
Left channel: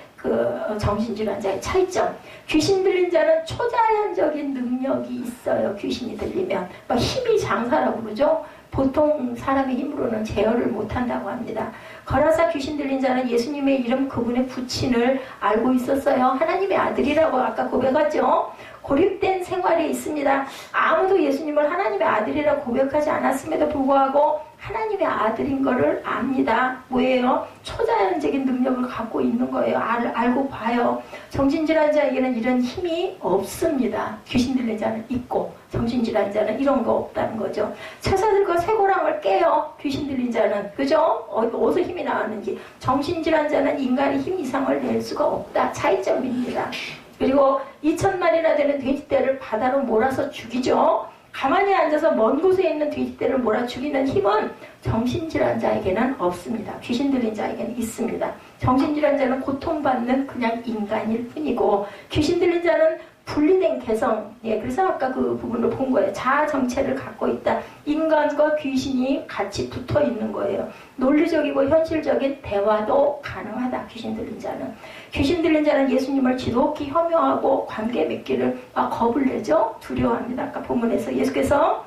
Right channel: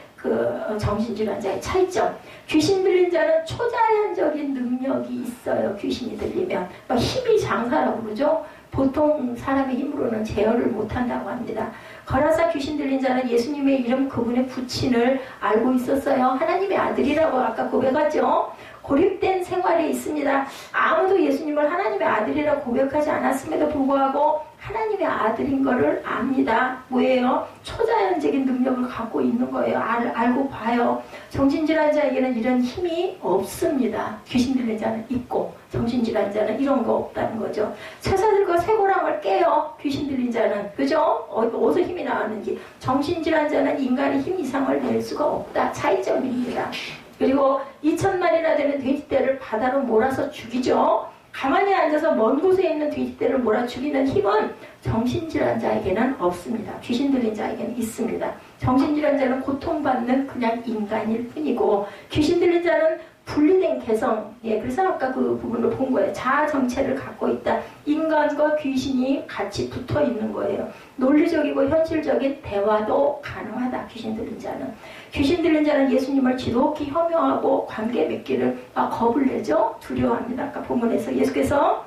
정신질환자의 차이점. 귀신 들린 자는 초자연적인 능력이 있어요. 귀신이 들리면 막 힘이 장사라고 그러죠. 보통 사람의 힘으로는 제어를 못한다고 합니다. 거라사 귀신 들린 자는 예수님의 이름 그분의 부친을 알고 있었어요. 하나님의 아들이라고 아까 고백하죠. 고립된 생활에 있습니다. 아무도 예수님을 하나님의 아들이라고 고백하지 않았음에도 불구하고 하나님의 아들인 거를 압니다. 뭐예요? 초자연적인 능력을 갖고 있는 거예요. 알고 봐요. 정신질환자에게는 이런 힘이 없습니다. 귀신 들린 자는 있고 정신질환자는 이런 거 없다는 거죠. 처자들과 쇠고랑을 깨요. 귀신 들린 자는. 그죠? 어디서 힘이 나왔는지. 정신질환자는 인간의 힘 이상을 낼 수가 없다. 차이점입니다. 그리고 2,000마리나 되는 돼지떼를 바다로 몰아서 죽이죠. 가만히 앉아서 먼 곳에 있는 돼지떼를 몰아 죽이는 힘은 정신질환자에게는 없습니다. 귀신 들린 자에게는 있습니다. 정신질환자는 고통받는 그냥 인간일 뿐이고 귀신 들린 자는 분리된 개성, 예, 그래서 아까 그 부분을 본 거예요. 자아 정체를 갖고 있다. 인간과 귀신이 같이 붙어 있는 거예요. 논리적이고 현실적인 대화도 가능하다. 귀신 들린 자는. 귀신 들린 자는 예수님을 지독히 혐오하고 관계 맺기를 겁을 내죠. 두려워합니다. 아까 본문에서 예수께서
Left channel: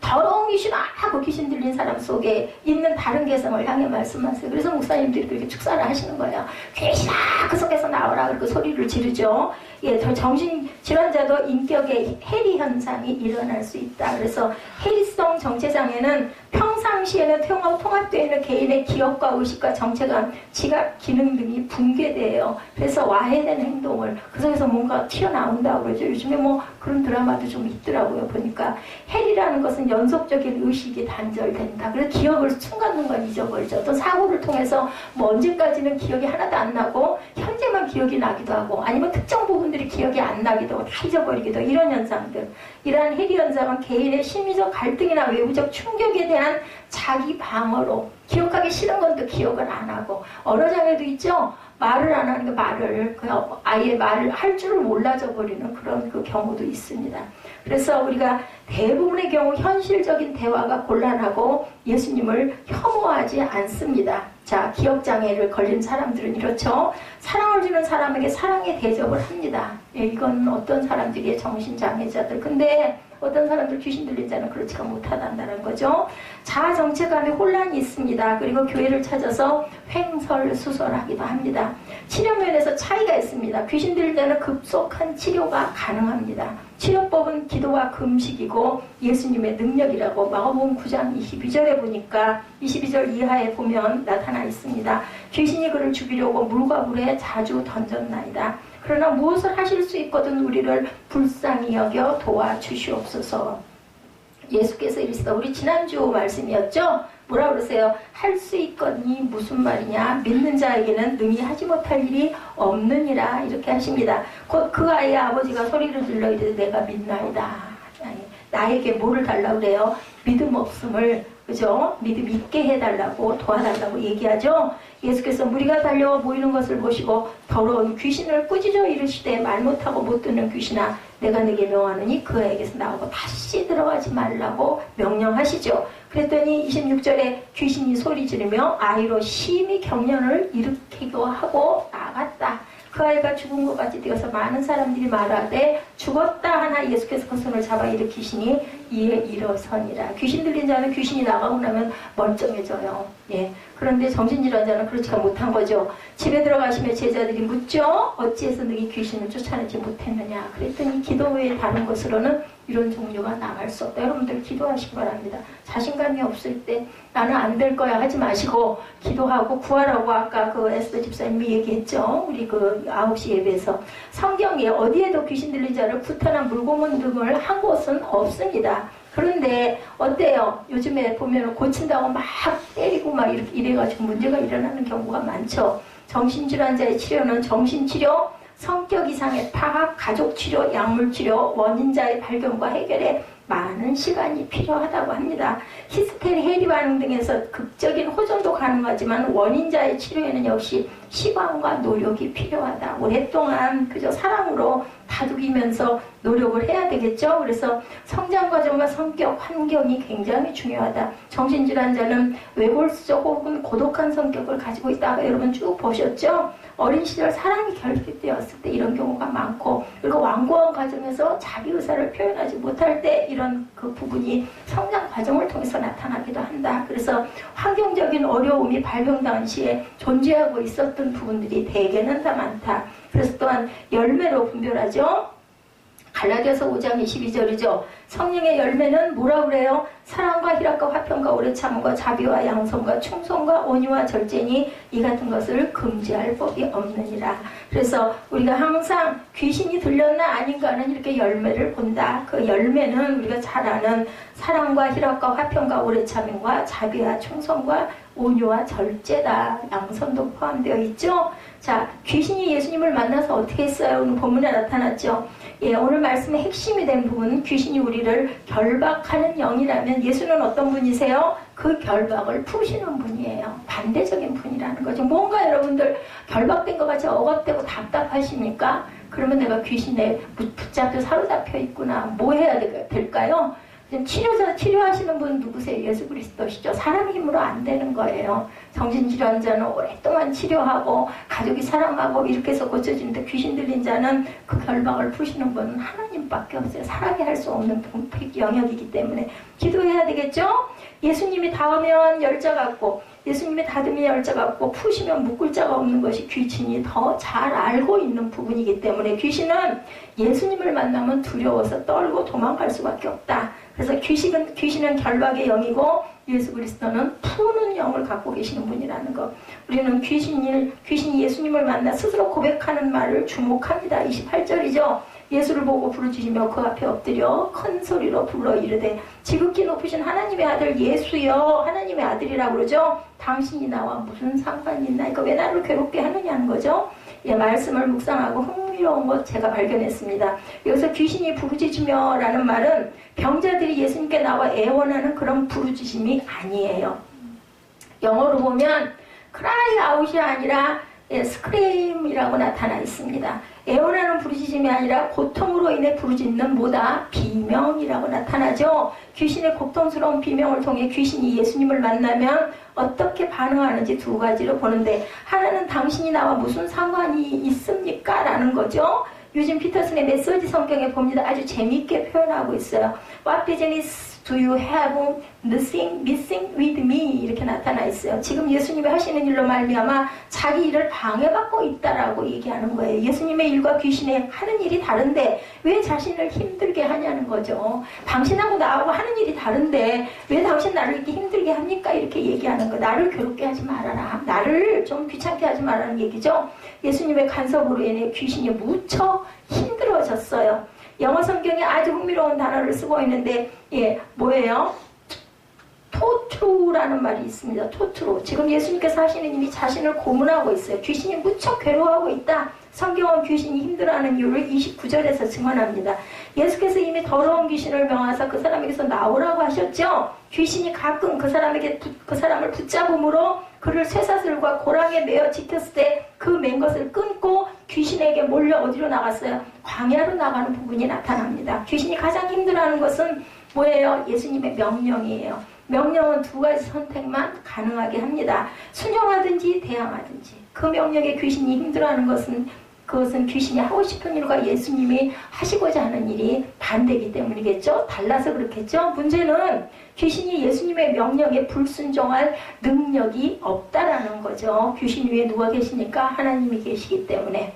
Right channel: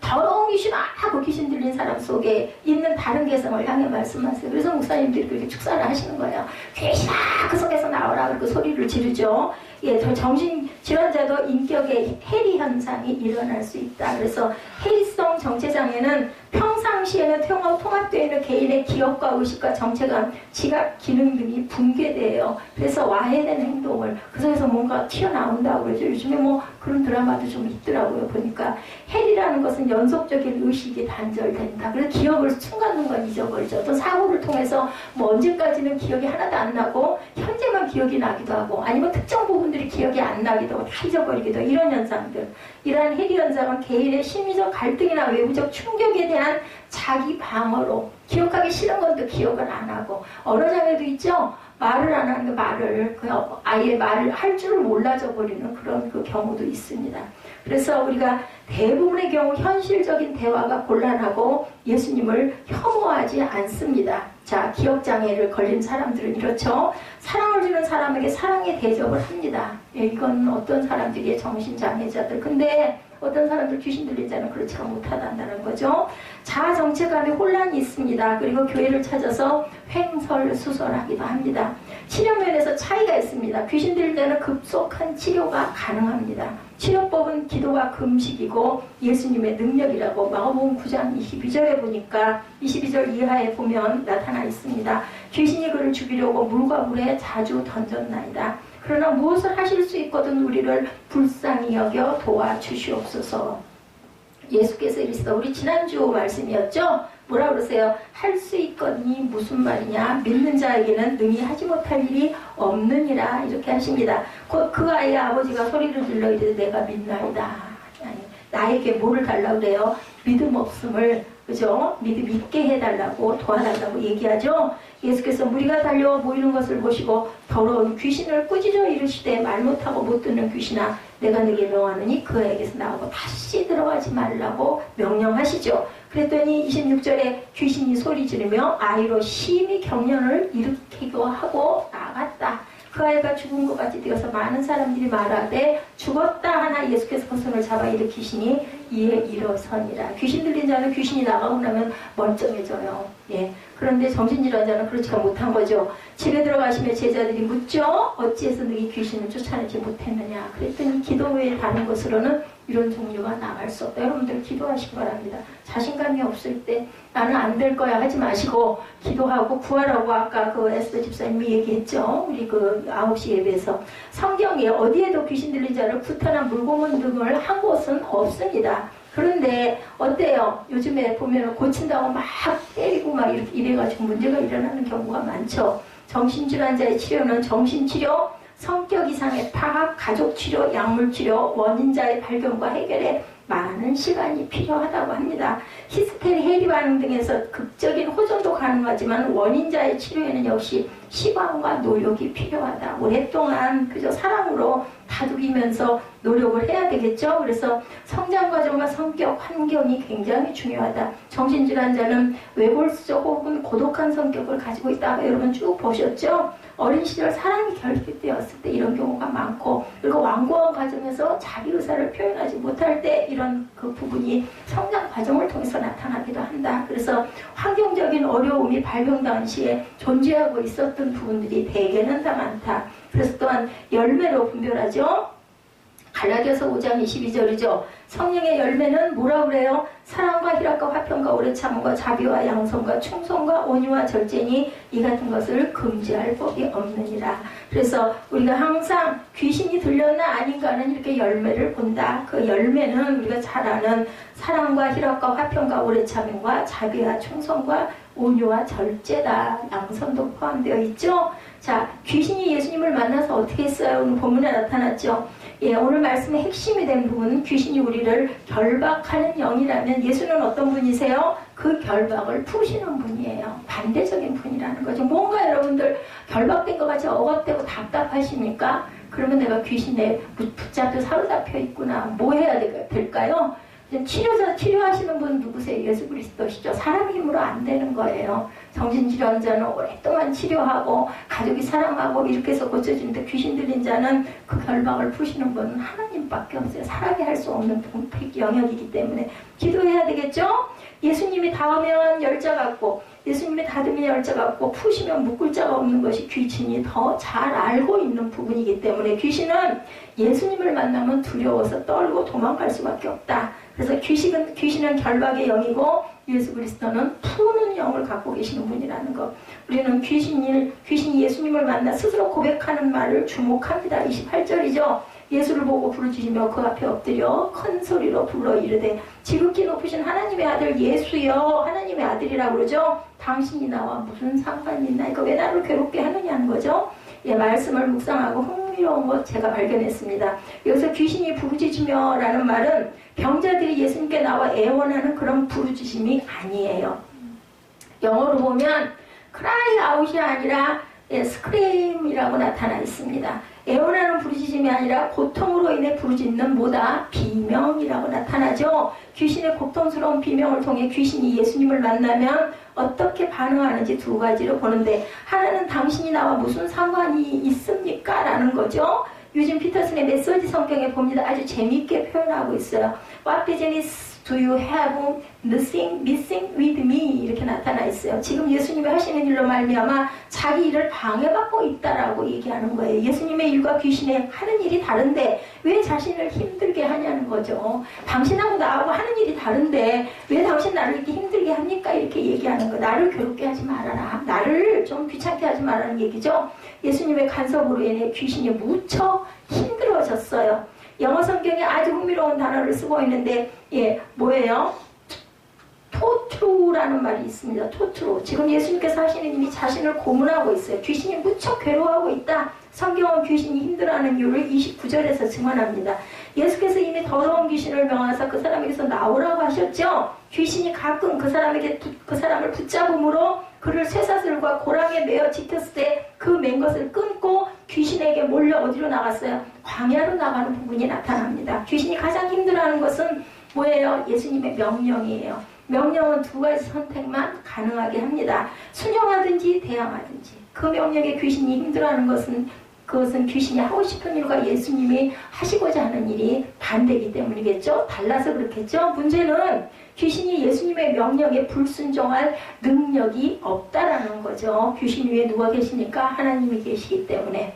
더러운 귀신아 하고 귀신 들린 사람 속에 있는 다른 개성을 향해 말씀하세요. 그래서 목사님들이 그렇게 축사를 하시는 거예요. 귀신아 그 속에서 나오라 그리고 소리를 지르죠. 예, 정신질환자도 인격의 해리 현상이 일어날 수 있다. 그래서 해리성 정체장애는 평상시에는 통합되어 있는 개인의 기억과 의식과 정체감, 지각, 기능 등이 붕괴돼요. 그래서 와해된 행동을 그 속에서 뭔가 튀어나온다고 그러죠. 요즘에 뭐 그런 드라마도 좀 있더라고요. 보니까 해리라는 것은 연속적인 의식이 단절된다. 그래서 기억을 순간순간 잊어버리죠. 또 사고를 통해서 뭐 언제까지는 기억이 하나도 안 나고 현재만 기억이 나기도 하고 아니면 특정 부분들이 기억이 안 나기도 하고 다 잊어버리기도 하고 이런 현상들. 이러한 해리 현상은 개인의 심리적 갈등이나 외부적 충격에 대한 자기 방어로 기억하기 싫은 건 또 기억을 안 하고 언어장애도 있죠. 말을 안 하는 게 말을 그냥 아예 말을 할 줄을 몰라져 버리는 그런 그 경우도 있습니다. 그래서 우리가 대부분의 경우 현실적인 대화가 곤란하고 예수님을 혐오하지 않습니다. 자, 기억장애를 걸린 사람들은 이렇죠. 사랑을 주는 사람에게 사랑의 대접을 합니다. 예, 이건 어떤 사람들이의 정신장애자들. 근데 어떤 사람들 귀신 들린 자는 그렇지가 못하다는 거죠. 자아 정체감에 혼란이 있습니다. 그리고 교회를 찾아서 횡설수설하기도 합니다. 치료 면에서 차이가 있습니다. 귀신 들린 자는 급속한 치료가 가능합니다. 치료법은 기도와 금식이고 예수님의 능력이라고 마가복음 9장 22절에 보니까 22절 이하에 보면 나타나 있습니다. 귀신이 그를 죽이려고 물과 물에 자주 던졌나이다. 그러나 무엇을 하실 수 있거든 우리를 불쌍히 여겨 도와주시옵소서. 예수께서 이르시다. 우리 지난주 말씀이었죠? 뭐라 그러세요? 할 수 있거니 무슨 말이냐? 믿는 자에게는 능히 하지 못할 일이 없느니라 이렇게 하십니다. 곧 그 아이의 아버지가 소리를 질러 이르되 내가 믿나이다. 나에게 뭐를 달라고 그래요? 믿음 없음을 그죠? 믿음 있게 해달라고 도와달라고 얘기하죠. 예수께서 무리가 달려와 모이는 것을 보시고 더러운 귀신을 꾸짖어 이르시되 말 못하고 못 듣는 귀신아 내가 네게 명하느니 그 애에게서 나오고 다시 들어가지 말라고 명령하시죠. 그랬더니 26절에 귀신이 소리 지르며 아이로 심히 경련을 일으키고 하고 나갔다. 그 아이가 죽은 것 같이 되어서 많은 사람들이 말하되 죽었다 하나 예수께서 그 손을 잡아 일으키시니 이에 일어서니라. 귀신 들린 자는 귀신이 나가고 나면 멀쩡해져요. 예. 그런데 정신질환 자는 그렇지가 못한 거죠. 집에 들어가시면 제자들이 묻죠. 어찌해서 너희 귀신을 쫓아내지 못했느냐. 그랬더니 기도 외에 다른 것으로는 이런 종류가 나갈 수 없다. 여러분들 기도하시기 바랍니다. 자신감이 없을 때 나는 안 될 거야 하지 마시고 기도하고 구하라고 아까 그 에스더 집사님이 얘기했죠. 우리 그 9시 예배에서 성경에 어디에도 귀신 들린 자를 구타나 물고문 등을 한 곳은 없습니다. 그런데 어때요? 요즘에 보면 고친다고 막 때리고 막 이래가지고 문제가 일어나는 경우가 많죠. 정신질환자의 치료는 정신치료, 성격 이상의 파악, 가족치료, 약물치료, 원인자의 발견과 해결에 많은 시간이 필요하다고 합니다. 히스테리, 해리 반응 등에서 극적인 호전도 가능하지만 원인자의 치료에는 역시 시간과 노력이 필요하다. 오랫동안 그저 사랑으로 다독이면서 노력을 해야 되겠죠. 그래서 성장 과정과 성격, 환경이 굉장히 중요하다. 정신질환자는 외골수적 혹은 고독한 성격을 가지고 있다가 여러분 쭉 보셨죠? 어린 시절 사랑이 결핍되었을 때 이런 경우가 많고, 그리고 완고한 과정에서 자기 의사를 표현하지 못할 때 이런 그 부분이 성장 과정을 통해서 나타나기도 한다. 그래서 환경적인 어려움이 발병 당시에 존재하고 있었던 부분들이 대개는 다 많다. 그래서 또한 열매로 분별하죠. 갈라디아서 5장 22절이죠. 성령의 열매는 뭐라 그래요? 사랑과 희락과 화평과 오래 참음과 자비와 양성과 충성과 온유와 절제니 이 같은 것을 금지할 법이 없느니라. 그래서 우리가 항상 귀신이 들렸나 아닌가는 이렇게 열매를 본다. 그 열매는 우리가 잘 아는 사랑과 희락과 화평과 오래 참음과 자비와 충성과 온유와 절제다. 양선도 포함되어 있죠. 자, 귀신이 예수님을 만나서 어떻게 했어요? 오늘 본문에 나타났죠. 예, 오늘 말씀의 핵심이 된 부분은 귀신이 우리를 결박하는 영이라면 예수는 어떤 분이세요? 그 결박을 푸시는 분이에요. 반대적인 분이라는 거죠. 뭔가 여러분들 결박된 것 같이 억압되고 답답하십니까? 그러면 내가 귀신에 붙잡혀 사로잡혀 있구나. 뭐 해야 될까요? 치료하시는 분 누구세요? 예수 그리스도시죠. 사람 힘으로 안 되는 거예요. 정신질환자는 오랫동안 치료하고 가족이 사랑하고 이렇게 해서 고쳐지는데 귀신 들린 자는 그 결박을 푸시는 분은 하나님밖에 없어요. 사람이 할 수 없는 영역이기 때문에 기도해야 되겠죠? 예수님이 닿으면 열자 같고 예수님이 닫으면 열자 같고 푸시면 묶을 자가 없는 것이 귀신이 더 잘 알고 있는 부분이기 때문에 귀신은 예수님을 만나면 두려워서 떨고 도망갈 수밖에 없다. 그래서 귀신은 결박의 영이고 예수 그리스도는 푸는 영을 갖고 계시는 분이라는 것. 우리는 귀신이 예수님을 만나 스스로 고백하는 말을 주목합니다. 28절이죠. 예수를 보고 부르짖으며 그 앞에 엎드려 큰 소리로 불러 이르되 지극히 높으신 하나님의 아들 예수여. 하나님의 아들이라고 그러죠. 당신이 나와 무슨 상관이 있나? 왜 나를 괴롭게 하느냐는 거죠. 예, 말씀을 묵상하고 흥미로운 것 제가 발견했습니다. 여기서 귀신이 부르짖으며 라는 말은 병자들이 예수님께 나와 애원하는 그런 부르짖음이 아니에요. 영어로 보면 cry out이 아니라 스크레임이라고 나타나 있습니다. 애원하는 부르짖음이 아니라 고통으로 인해 부르짖는 뭐다? 비명이라고 나타나죠. 귀신의 고통스러운 비명을 통해 귀신이 예수님을 만나면 어떻게 반응하는지 두 가지로 보는데, 하나는 당신이 나와 무슨 상관이 있습니까? 라는 거죠. 요즘 피터슨의 메시지 성경에 봅니다. 아주 재미있게 표현하고 있어요. What business do you have missing with me? 이렇게 나타나 있어요. 지금 예수님이 하시는 일로 말미암아 자기 일을 방해받고 있다라고 얘기하는 거예요. 예수님의 일과 귀신의 하는 일이 다른데 왜 자신을 힘들게 하냐는 거죠. 당신하고 나하고 하는 일이 다른데 왜 당신 나를 이렇게 힘들게 합니까? 이렇게 얘기하는 거. 나를 괴롭게 하지 말아라. 나를 좀 귀찮게 하지 말라는 얘기죠. 예수님의 간섭으로 인해 귀신이 무척 힘들어졌어요. 영어 성경에 아주 흥미로운 단어를 쓰고 있는데, 예, 뭐예요? 토트루라는 말이 있습니다. 토트루. 지금 예수님께서 하시는 일이 자신을 고문하고 있어요. 귀신이 무척 괴로워하고 있다. 성경은 귀신이 힘들어하는 이유를 29절에서 증언합니다. 예수께서 이미 더러운 귀신을 명하사 그 사람에게서 나오라고 하셨죠. 귀신이 가끔 그 사람을 붙잡음으로 그를 쇠사슬과 고랑에 매어 지켰을 때 그 맨 것을 끊고 귀신에게 몰려 어디로 나갔어요? 광야로 나가는 부분이 나타납니다. 귀신이 가장 힘들어하는 것은 뭐예요? 예수님의 명령이에요. 명령은 두 가지 선택만 가능하게 합니다. 순종하든지 대항하든지. 그 명령에 귀신이 힘들어하는 그것은 귀신이 하고 싶은 일과 예수님이 하시고자 하는 일이 반대이기 때문이겠죠. 달라서 그렇겠죠. 문제는 귀신이 예수님의 명령에 불순종할 능력이 없다라는 거죠. 귀신 위에 누가 계시니까 하나님이 계시기 때문에.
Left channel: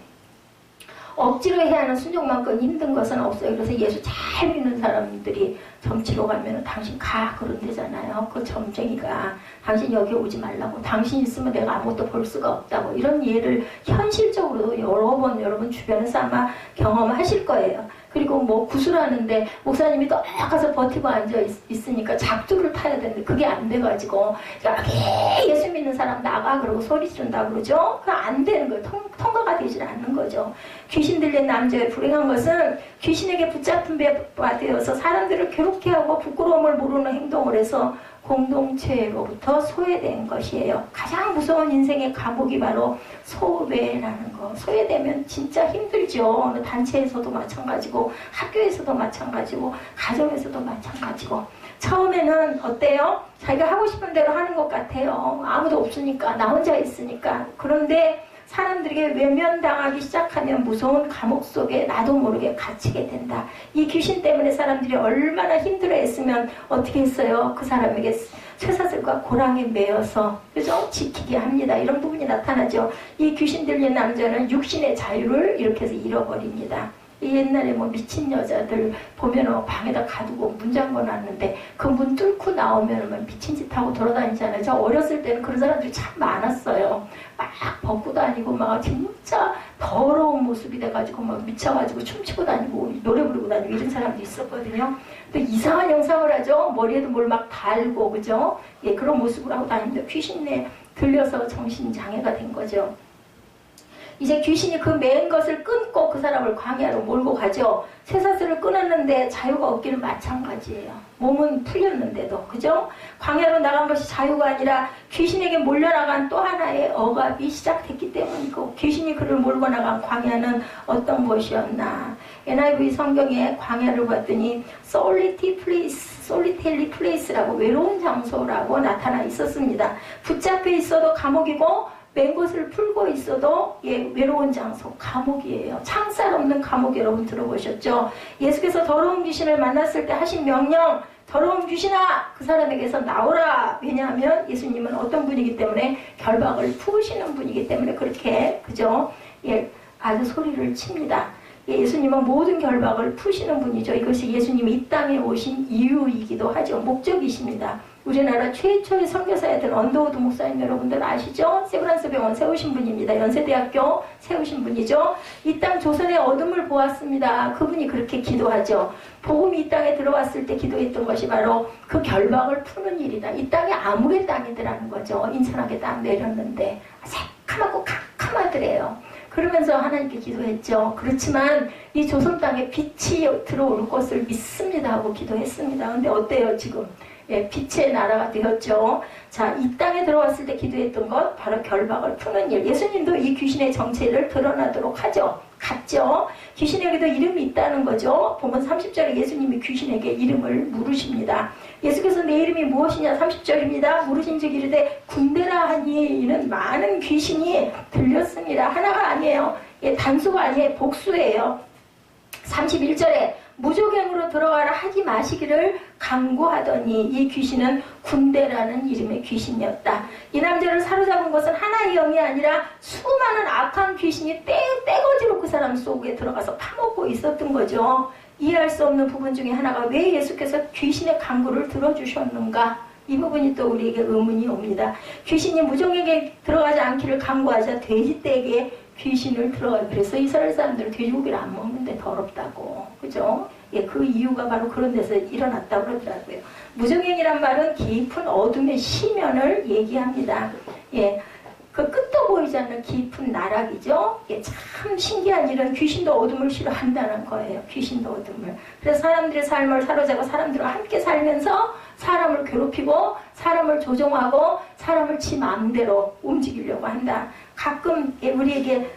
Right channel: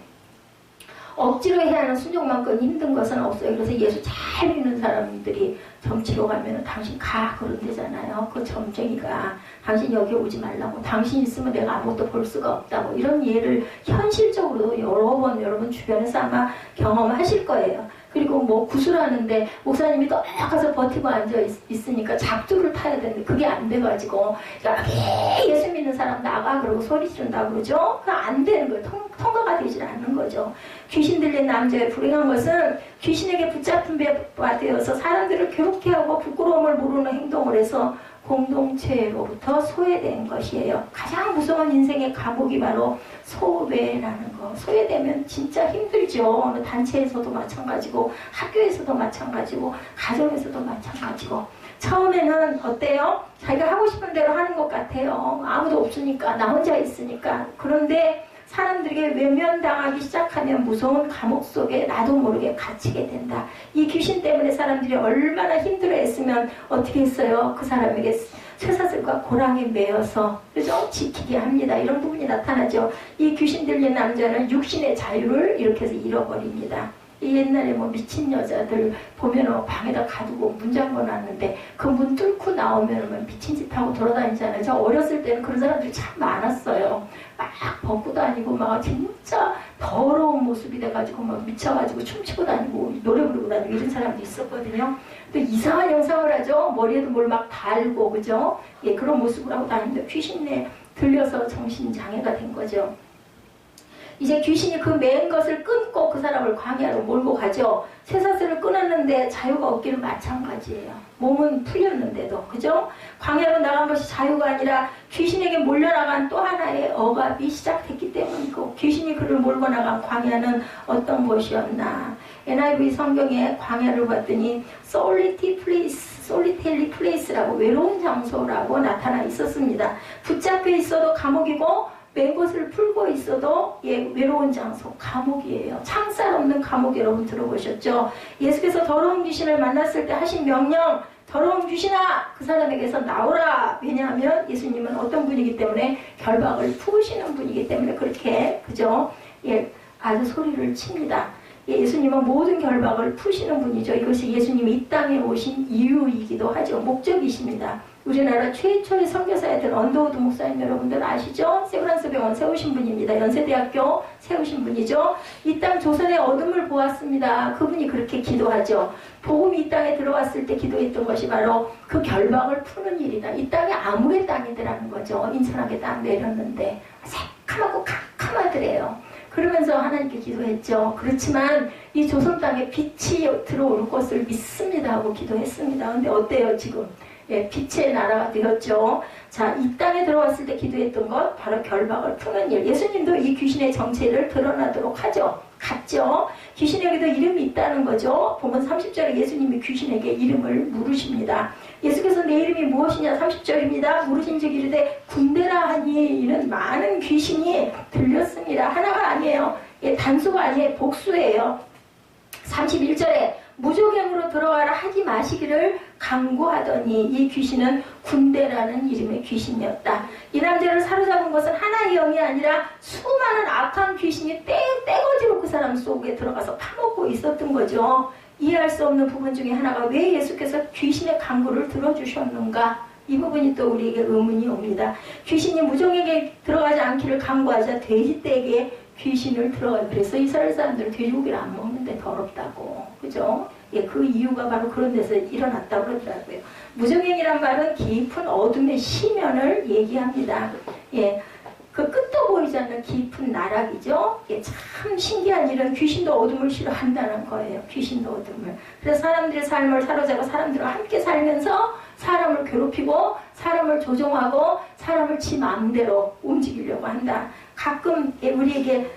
억지로 해야 하는 순종만큼 힘든 것은 없어요. 그래서 예수 잘 믿는 사람들이 점치러 가면 당신 가 그런대잖아요. 그 점쟁이가 당신 여기 오지 말라고, 당신 있으면 내가 아무것도 볼 수가 없다고, 이런 예를 현실적으로 여러 번 여러분 주변에서 아마 경험하실 거예요. 그리고 뭐 구슬하는데 목사님이 또 가서 버티고 앉아 있으니까 작두를 타야 되는데 그게 안 돼가지고 여기 예수 믿는 사람 나가 그러고 소리 지른다 그러죠. 그거 안 되는 거예요. 통과가 되질 않는 거죠. 귀신 들린 남자의 불행한 것은 귀신에게 붙잡힌 바 되어서 사람들을 괴롭게 하고 부끄러움을 모르는 행동을 해서 공동체로부터 소외된 것이에요. 가장 무서운 인생의 감옥이 바로 소외라는 거. 소외되면 진짜 힘들죠. 어느 단체에서도 마찬가지고, 학교에서도 마찬가지고, 가정에서도 마찬가지고. 처음에는 어때요? 자기가 하고 싶은 대로 하는 것 같아요. 아무도 없으니까, 나 혼자 있으니까. 그런데 사람들에게 외면당하기 시작하면 무서운 감옥 속에 나도 모르게 갇히게 된다. 이 귀신 때문에 사람들이 얼마나 힘들어했으면 어떻게 했어요? 그 사람에게 쇠사슬과 고랑에 매어서, 그죠? 지키게 합니다. 이런 부분이 나타나죠. 이 귀신 들린 남자는 육신의 자유를 이렇게 해서 잃어버립니다. 옛날에 뭐 미친 여자들 보면은 방에다 가두고 문 잠궈놨는데 그 문 뚫고 나오면은 미친 짓 하고 돌아다니잖아요. 저 어렸을 때는 그런 사람들이 참 많았어요. 막 벗고 다니고 막 진짜 더러운 모습이 돼가지고 막 미쳐가지고 춤추고 다니고 노래 부르고 다니고 이런 사람도 있었거든요. 또 이상한 형상을 하죠. 머리에도 뭘 막 달고, 그죠? 예, 그런 모습을 하고 다니는데 귀신에 들려서 정신장애가 된 거죠. 이제 귀신이 그 맨 것을 끊고 그 사람을 광야로 몰고 가죠. 쇠사슬을 끊었는데 자유가 없기는 마찬가지예요. 몸은 풀렸는데도, 그죠? 광야로 나간 것이 자유가 아니라 귀신에게 몰려나간 또 하나의 억압이 시작됐기 때문이고, 귀신이 그를 몰고 나간 광야는 어떤 곳이었나. NIV 성경에 광야를 봤더니 solitary place라고, 외로운 장소라고 나타나 있었습니다. 붙잡혀 있어도 감옥이고, 맨 곳을 풀고 있어도 외로운 장소, 감옥이에요. 창살 없는 감옥, 여러분 들어보셨죠? 예수께서 더러운 귀신을 만났을 때 하신 명령, 더러운 귀신아, 그 사람에게서 나오라. 왜냐하면 예수님은 어떤 분이기 때문에, 결박을 푸시는 분이기 때문에 그렇게, 그죠? 예, 아주 소리를 칩니다. 예수님은 모든 결박을 푸시는 분이죠. 이것이 예수님이 이 땅에 오신 이유이기도 하죠. 목적이십니다. 우리나라 최초의 선교사였던 언더우드 목사님 여러분들 아시죠? 세브란스 병원 세우신 분입니다. 연세대학교 세우신 분이죠. 이 땅 조선의 어둠을 보았습니다. 그분이 그렇게 기도하죠. 복음이 이 땅에 들어왔을 때 기도했던 것이 바로 그 결박을 푸는 일이다. 이 땅이 암흑의 땅이더라는 거죠. 인천하게 딱 내렸는데 새카맣고 캄캄하더래요. 그러면서 하나님께 기도했죠. 그렇지만 이 조선 땅에 빛이 들어올 것을 믿습니다 하고 기도했습니다. 근데 어때요 지금? 예, 빛의 나라가 되었죠. 자, 이 땅에 들어왔을 때 기도했던 것, 바로 결박을 푸는 일. 예수님도 이 귀신의 정체를 드러나도록 하죠. 갔죠. 귀신에게도 이름이 있다는 거죠. 보면 30절에 예수님이 귀신에게 이름을 물으십니다. 예수께서 내 이름이 무엇이냐 30절입니다. 물으신 즉 이르되 군대라 하니, 이는 많은 귀신이 들렸습니다. 하나가 아니에요. 예, 단수가 아니에요. 복수예요. 31절에 무조갱으로 들어가라 하지 마시기를 강구하더니, 이 귀신은 군대라는 이름의 귀신이었다. 이 남자를 사로잡은 것은 하나의 영이 아니라 수많은 악한 귀신이 떼거지로 그 사람 속에 들어가서 파먹고 있었던 거죠. 이해할 수 없는 부분 중에 하나가, 왜 예수께서 귀신의 강구를 들어주셨는가? 이 부분이 또 우리에게 의문이 옵니다. 귀신이 무종에게 들어가지 않기를 강구하자 돼지떼에게 귀신을 들어가요. 그래서 이스라엘 사람들은 돼지고기를 안 먹는데 더럽다고, 그죠? 예, 그 이유가 바로 그런 데서 일어났다고 그러더라고요. 무정행이란 말은 깊은 어둠의 시면을 얘기합니다. 예, 그 끝도 보이지 않는 깊은 나락이죠. 예, 참 신기한 일은 귀신도 어둠을 싫어한다는 거예요. 귀신도 어둠을. 그래서 사람들의 삶을 사로잡아 사람들과 함께 살면서 사람을 괴롭히고 사람을 조종하고 사람을 지 마음대로 움직이려고 한다. 가끔 우리에게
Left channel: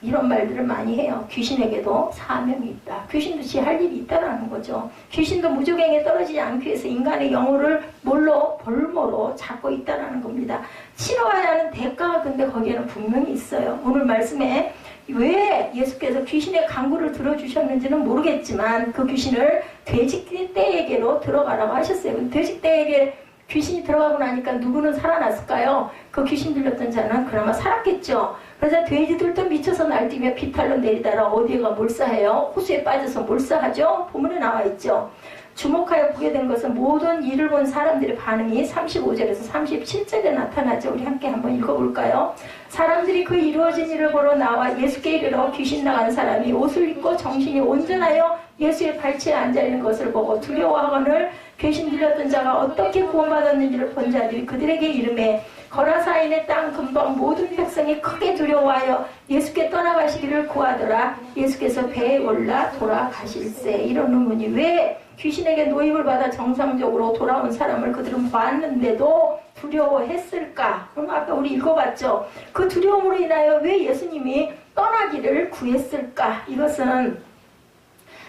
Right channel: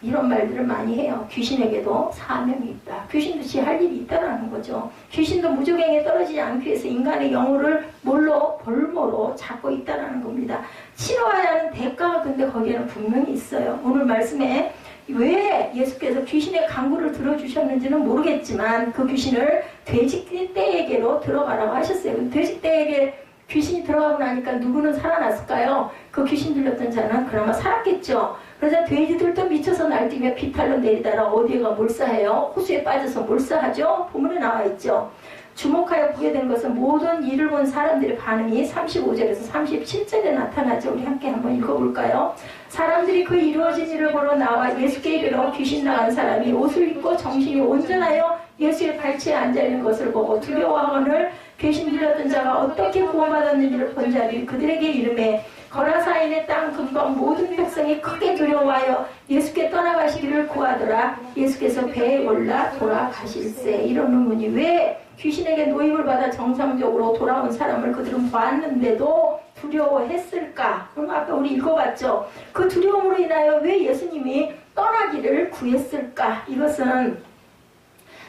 이런 말들을 많이 해요. 귀신에게도 사명이 있다. 귀신도 지 할 일이 있다라는 거죠. 귀신도 무조갱에 떨어지지 않기 위해서 인간의 영혼을 볼모로 잡고 있다라는 겁니다. 치러야 하는 대가가 근데 거기에는 분명히 있어요. 오늘 말씀에 왜 예수께서 귀신의 강구를 들어주셨는지는 모르겠지만 그 귀신을 돼지떼에게로 들어가라고 하셨어요. 돼지떼에게 귀신이 들어가고 나니까 누구는 살아났을까요? 그 귀신 들렸던 자는 그나마 살았겠죠. 그래서 돼지들도 미쳐서 날뛰며 비탈로 내리다가 어디가 몰사해요? 호수에 빠져서 몰사하죠. 본문에 나와 있죠. 주목하여 보게 된 것은 모든 일을 본 사람들의 반응이 35절에서 37절에 나타나죠. 우리 함께 한번 읽어볼까요? 사람들이 그 이루어진 일을 보러 나와 예수께 이르러 귀신 나간 사람이 옷을 입고 정신이 온전하여 예수의 발치에 앉아있는 것을 보고 두려워하거늘 귀신 들렸던 자가 어떻게 구원받았는지를 본 자들이 그들에게 이르매 거라사인의 땅 근방 모든 백성이 크게 두려워하여 예수께 떠나가시기를 구하더라. 예수께서 배에 올라 돌아가실세. 이런 의문이 왜 귀신에게 노임을 받아 정상적으로 돌아온 사람을 그들은 봤는데도 두려워했을까? 그럼 아까 우리 읽어봤죠. 그 두려움으로 인하여 왜 예수님이 떠나기를 구했을까? 이것은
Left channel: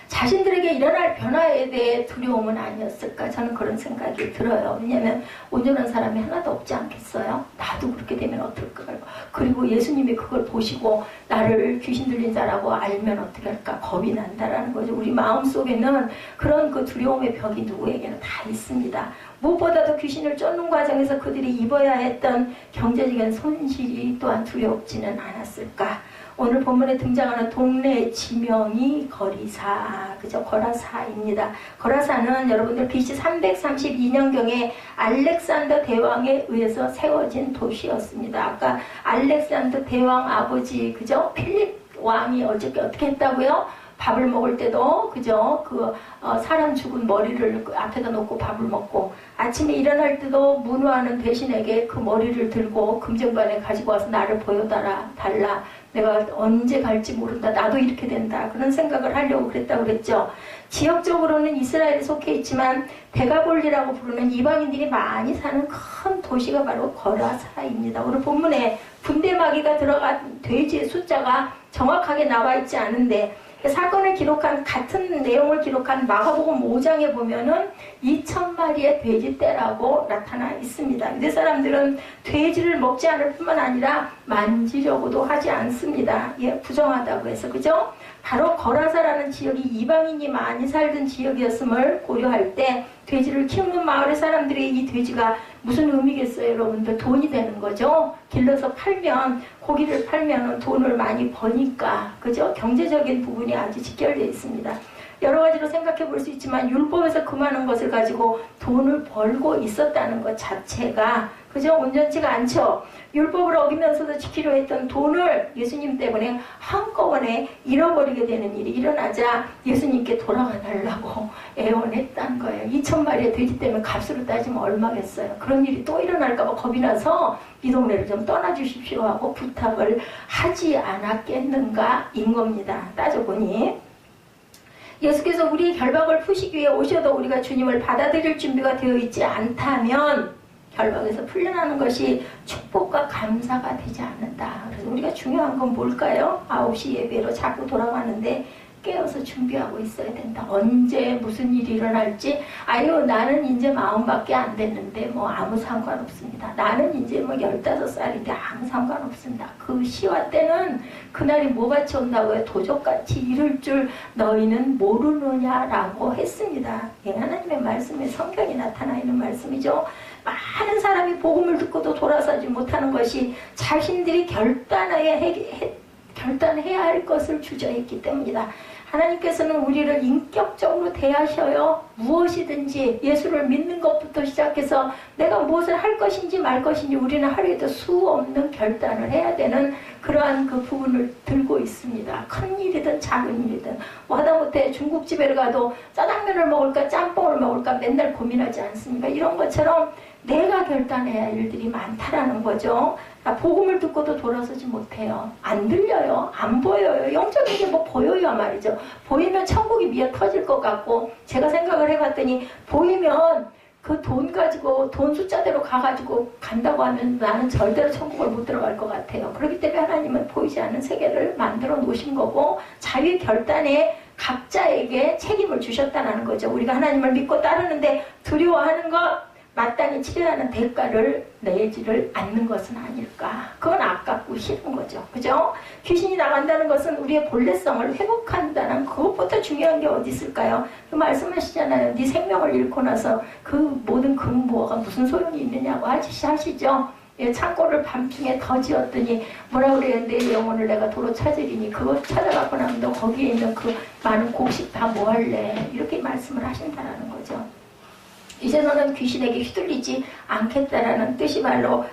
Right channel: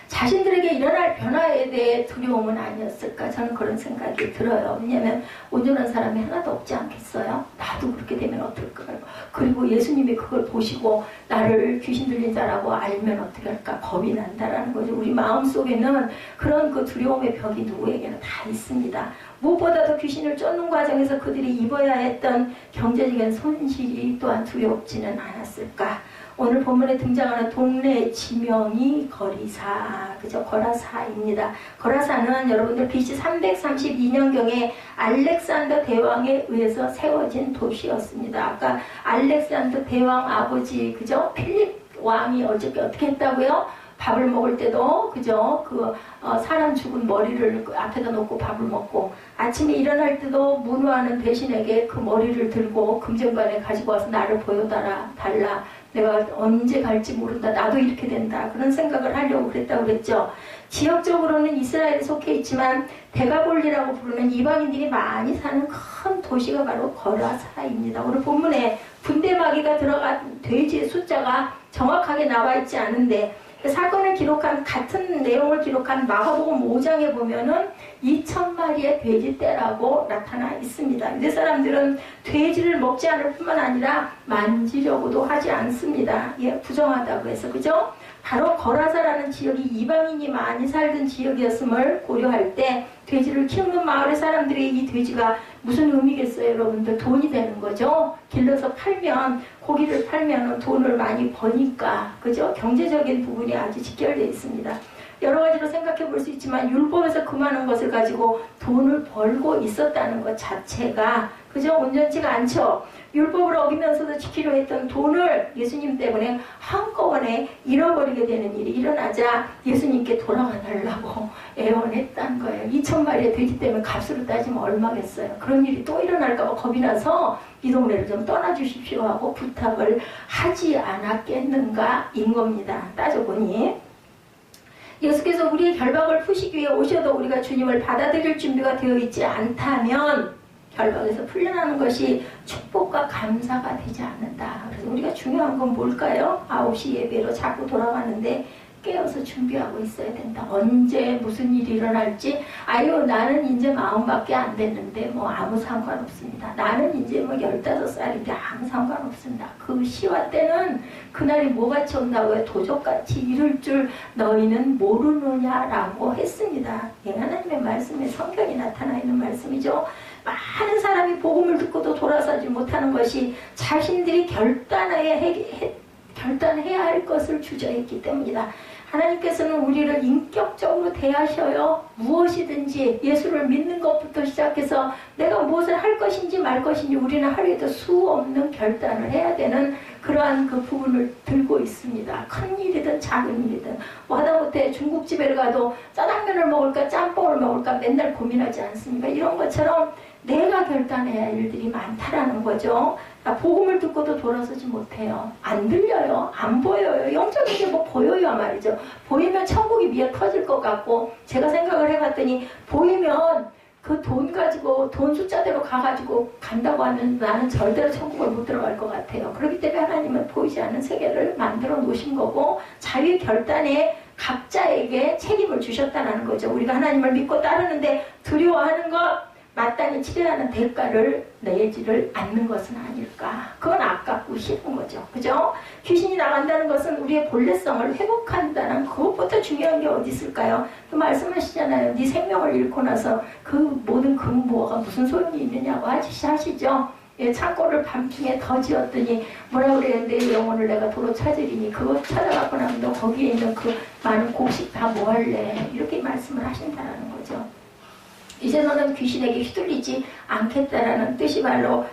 자신들에게 일어날 변화에 대해 두려움은 아니었을까? 저는 그런 생각이 들어요. 왜냐하면 온전한 사람이 하나도 없지 않겠어요? 나도 그렇게 되면 어떨까요? 그리고 예수님이 그걸 보시고 나를 귀신 들린 자라고 알면 어떻게 할까? 겁이 난다라는 거죠. 우리 마음속에는 그런 그 두려움의 벽이 누구에게는 다 있습니다. 무엇보다도 귀신을 쫓는 과정에서 그들이 입어야 했던 경제적인 손실이 또한 두렵지는 않았을까? 오늘 본문에 등장하는 동네의 지명이 거리사, 그죠? 거라사입니다. 거라사는 여러분들 BC 332년경에 알렉산더 대왕에 의해서 세워진 도시였습니다. 아까 알렉산더 대왕 아버지, 그죠? 필립 왕이 어떻게 했다고요? 밥을 먹을 때도 그죠? 사람 죽은 머리를 앞에다 놓고 밥을 먹고 아침에 일어날 때도 문화하는 대신에게 그 머리를 들고 금전관에 가지고 와서 나를 보여달라. 내가 언제 갈지 모른다. 나도 이렇게 된다. 그런 생각을 하려고 그랬다고 그랬죠. 지역적으로는 이스라엘에 속해 있지만 데가볼리라고 부르는 이방인들이 많이 사는 큰 도시가 바로 거라사입니다. 오늘 본문에 분대마귀가 들어간 돼지의 숫자가 정확하게 나와 있지 않은데 사건을 기록한 같은 내용을 기록한 마가복음 5장에 보면은 2,000마리의 돼지떼라고 나타나 있습니다. 유대 사람들은 돼지를 먹지 않을 뿐만 아니라 만지려고도 하지 않습니다. 예, 부정하다고 해서 그죠? 바로 거라사라는 지역이 이방인이 많이 살던 지역이었음을 고려할 때 돼지를 키우는 마을의 사람들이 이 돼지가 무슨 의미겠어요, 여러분들? 돈이 되는 거죠. 길러서 팔면 고기를 팔면 돈을 많이 버니까 그죠? 경제적인 부분이 아주 직결되어 있습니다. 여러 가지로 생각해 볼 수 있지만 율법에서 그 많은 것을 가지고 돈을 벌고 있었다는 것 자체가 그죠? 온전치가 않죠. 율법을 어기면서도 지키려 했던 돈을 예수님 때문에 한꺼번에 잃어버리게 되는 일이 일어나자 예수님께 돌아가 달라고 애원했다는 거예요. 2,000마리의 돼지 때문에 값으로 따지면 얼마겠어요. 그런 일이 또 일어날까 봐 겁이 나서 이 동네를 좀 떠나주십시오 하고 부탁을 하지 않았겠는가 인 겁니다. 따져보니 예수께서 우리의 결박을 푸시기 위해 오셔도 우리가 주님을 받아들일 준비가 되어 있지 않다면 결박에서 풀려나는 것이 축복과 감사가 되지 않는다. 그래서 우리가 중요한 건 뭘까요? 9시 예배로 자꾸 돌아가는데 깨어서 준비하고 있어야 된다. 언제 무슨 일이 일어날지 아유 나는 이제 마음밖에 안 됐는데 뭐 아무 상관없습니다. 나는 이제 뭐 15살인데 아무 상관없습니다. 그 시와 때는 그날이 뭐같이 온다고요? 도적같이 이를 줄 너희는 모르느냐라고 했습니다. 하나님의 말씀에 성경이 나타나 있는 말씀이죠. 많은 사람이 복음을 듣고도 돌아서지 못하는 것이 자신들이 결단해야 할 것을 주저했기 때문이다. 하나님께서는 우리를 인격적으로 대하셔요. 무엇이든지 예수를 믿는 것부터 시작해서 내가 무엇을 할 것인지 말 것인지 우리는 하루에도 수 없는 결단을 해야 되는 그러한 그 부분을 들고 있습니다. 큰 일이든 작은 일이든 하다못해 중국집에 가도 짜장면을 먹을까 짬뽕을 먹을까 맨날 고민하지 않습니까? 이런 것처럼 내가 결단해야 할 일들이 많다라는 거죠. 복음을 듣고도 돌아서지 못해요. 안 들려요. 안 보여요. 영적인 게 뭐 보여요 말이죠. 보이면 천국이 미어 터질 것 같고 제가 생각을 해봤더니 보이면 그 돈 가지고 돈 숫자대로 가가지고 간다고 하면 나는 절대로 천국을 못 들어갈 것 같아요. 그렇기 때문에 하나님은 보이지 않는 세계를 만들어 놓으신 거고 자유의 결단에 각자에게 책임을 주셨다는 거죠. 우리가 하나님을 믿고 따르는데 두려워하는 것, 마땅히 치러야 하는 대가를 내지를 않는 것은 아닐까. 그건 아깝고 싫은 거죠. 그죠? 귀신이 나간다는 것은 우리의 본래성을 회복한다는 그것보다 중요한 게 어디 있을까요? 그 말씀하시잖아요. 네 생명을 잃고 나서 그 모든 근무가 무슨 소용이 있느냐고 하시죠. 예, 창고를 밤중에 더 지었더니 뭐라 그래요? 내 영혼을 내가 도로 찾으리니 그거 찾아갖고 나면 너 거기에 있는 그 많은 곡식 다 뭐 할래? 이렇게 말씀을 하신다는 거죠. 이제 너는 귀신에게 휘둘리지 않겠다라는 뜻이 바로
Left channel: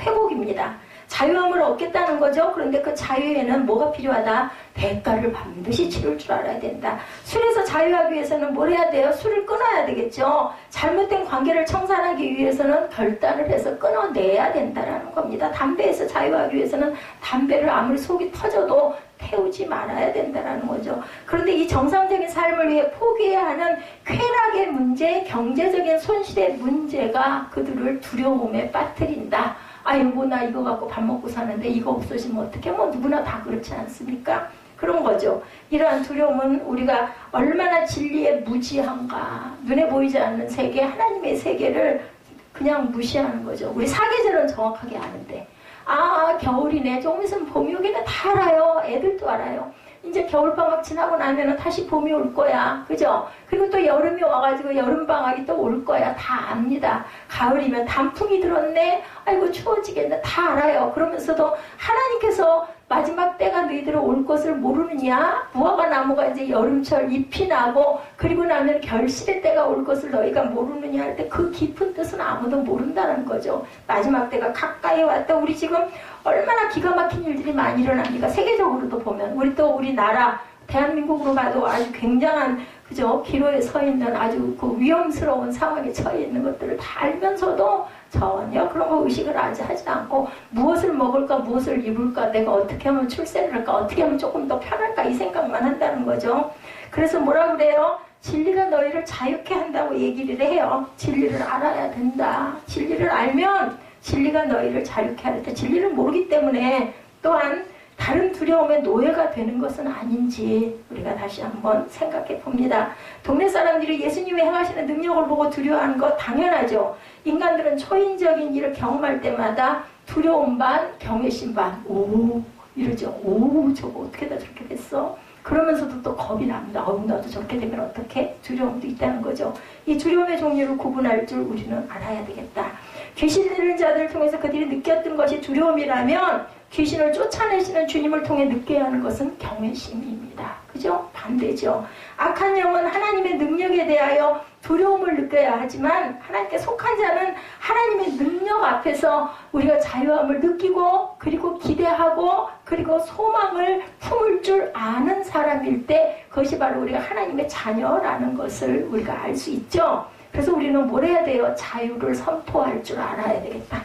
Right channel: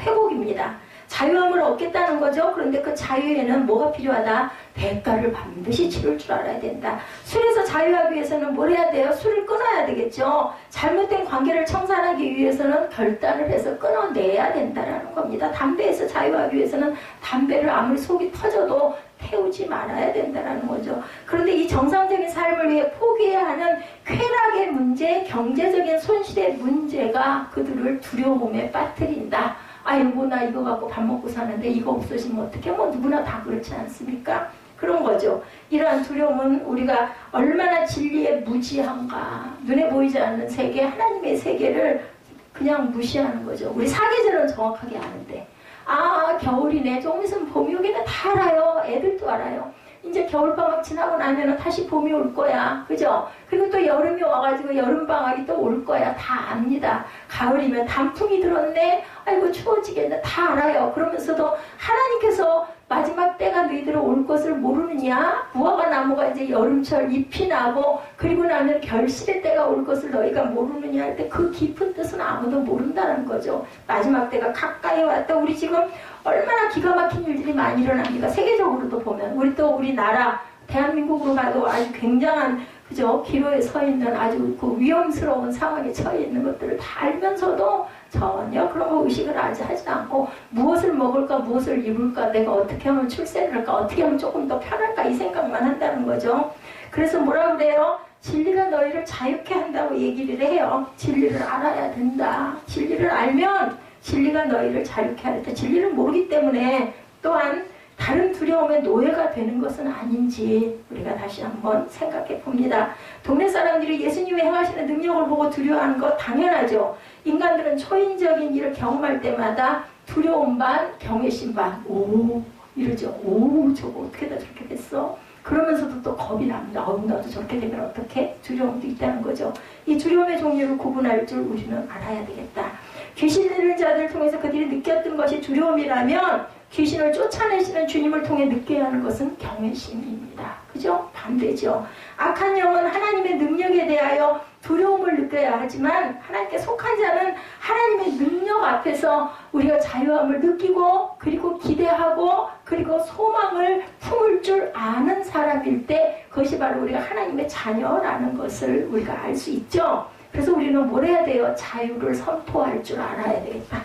회복입니다. 자유함을 얻겠다는 거죠. 그런데 그 자유에는 뭐가 필요하다? 대가를 반드시 치를 줄 알아야 된다. 술에서 자유하기 위해서는 뭘 해야 돼요? 술을 끊어야 되겠죠. 잘못된 관계를 청산하기 위해서는 결단을 해서 끊어내야 된다는 겁니다. 담배에서 자유하기 위해서는 담배를 아무리 속이 터져도 태우지 말아야 된다는 거죠. 그런데 이 정상적인 삶을 위해 포기해야 하는 쾌락의 문제, 경제적인 손실의 문제가 그들을 두려움에 빠뜨린다. 아이고 나 이거 갖고 밥 먹고 사는데 이거 없어지면 어떡해? 뭐 누구나 다 그렇지 않습니까? 그런 거죠. 이러한 두려움은 우리가 얼마나 진리에 무지한가. 눈에 보이지 않는 세계, 하나님의 세계를 그냥 무시하는 거죠. 우리 사계절은 정확하게 아는데 아 겨울이네, 조금 있으면 봄이 오겠네, 다 알아요. 애들도 알아요. 이제 겨울방학 지나고 나면은 다시 봄이 올 거야. 그죠? 그리고 또 여름이 와가지고 여름방학이 또 올 거야. 다 압니다. 가을이면 단풍이 들었네. 아이고 추워지겠네. 다 알아요. 그러면서도 하나님께서 마지막 때가 너희들은 올 것을 모르느냐? 무화과 나무가 이제 여름철 잎이 나고 그리고 나면 결실의 때가 올 것을 너희가 모르느냐 할 때 그 깊은 뜻은 아무도 모른다는 거죠. 마지막 때가 가까이 왔다. 우리 지금 얼마나 기가 막힌 일들이 많이 일어납니까? 세계적으로도 보면 우리 나라 대한민국으로 봐도 아주 굉장한 그죠? 기로에 서 있는 아주 그 위험스러운 상황에 처해 있는 것들을 다 알면서도 전혀 그런 거 의식을 아직 하지 않고 무엇을 먹을까 무엇을 입을까 내가 어떻게 하면 출세를 할까 어떻게 하면 조금 더 편할까 이 생각만 한다는 거죠. 그래서 뭐라 그래요? 진리가 너희를 자유케 한다고 얘기를 해요. 진리를 알아야 된다. 진리를 알면 진리가 너희를 자유케 하겠다. 진리를 모르기 때문에 또한 다른 두려움의 노예가 되는 것은 아닌지 우리가 다시 한번 생각해 봅니다. 동네 사람들이 예수님이 행하시는 능력을 보고 두려워하는 거 당연하죠. 인간들은 초인적인 일을 경험할 때마다 두려움 반, 경외심 반, 오 이러죠. 오 저거 어떻게 다 저렇게 됐어? 그러면서도 또 겁이 납니다. 나도 저렇게 되면 어떻게? 두려움도 있다는 거죠. 이 두려움의 종류를 구분할 줄 우리는 알아야 되겠다. 귀신 들린 자들을 통해서 그들이 느꼈던 것이 두려움이라면 귀신을 쫓아내시는 주님을 통해 느껴야 하는 것은 경외심입니다. 그죠? 반대죠. 악한 영은 하나님의 능력에 대하여 두려움을 느껴야 하지만 하나님께 속한 자는 하나님의 능력 앞에서 우리가 자유함을 느끼고 그리고 기대하고 그리고 소망을 품을 줄 아는 사람일 때 그것이 바로 우리가 하나님의 자녀라는 것을 우리가 알 수 있죠. 그래서 우리는 뭘 해야 돼요? 자유를 선포할 줄 알아야 되겠다.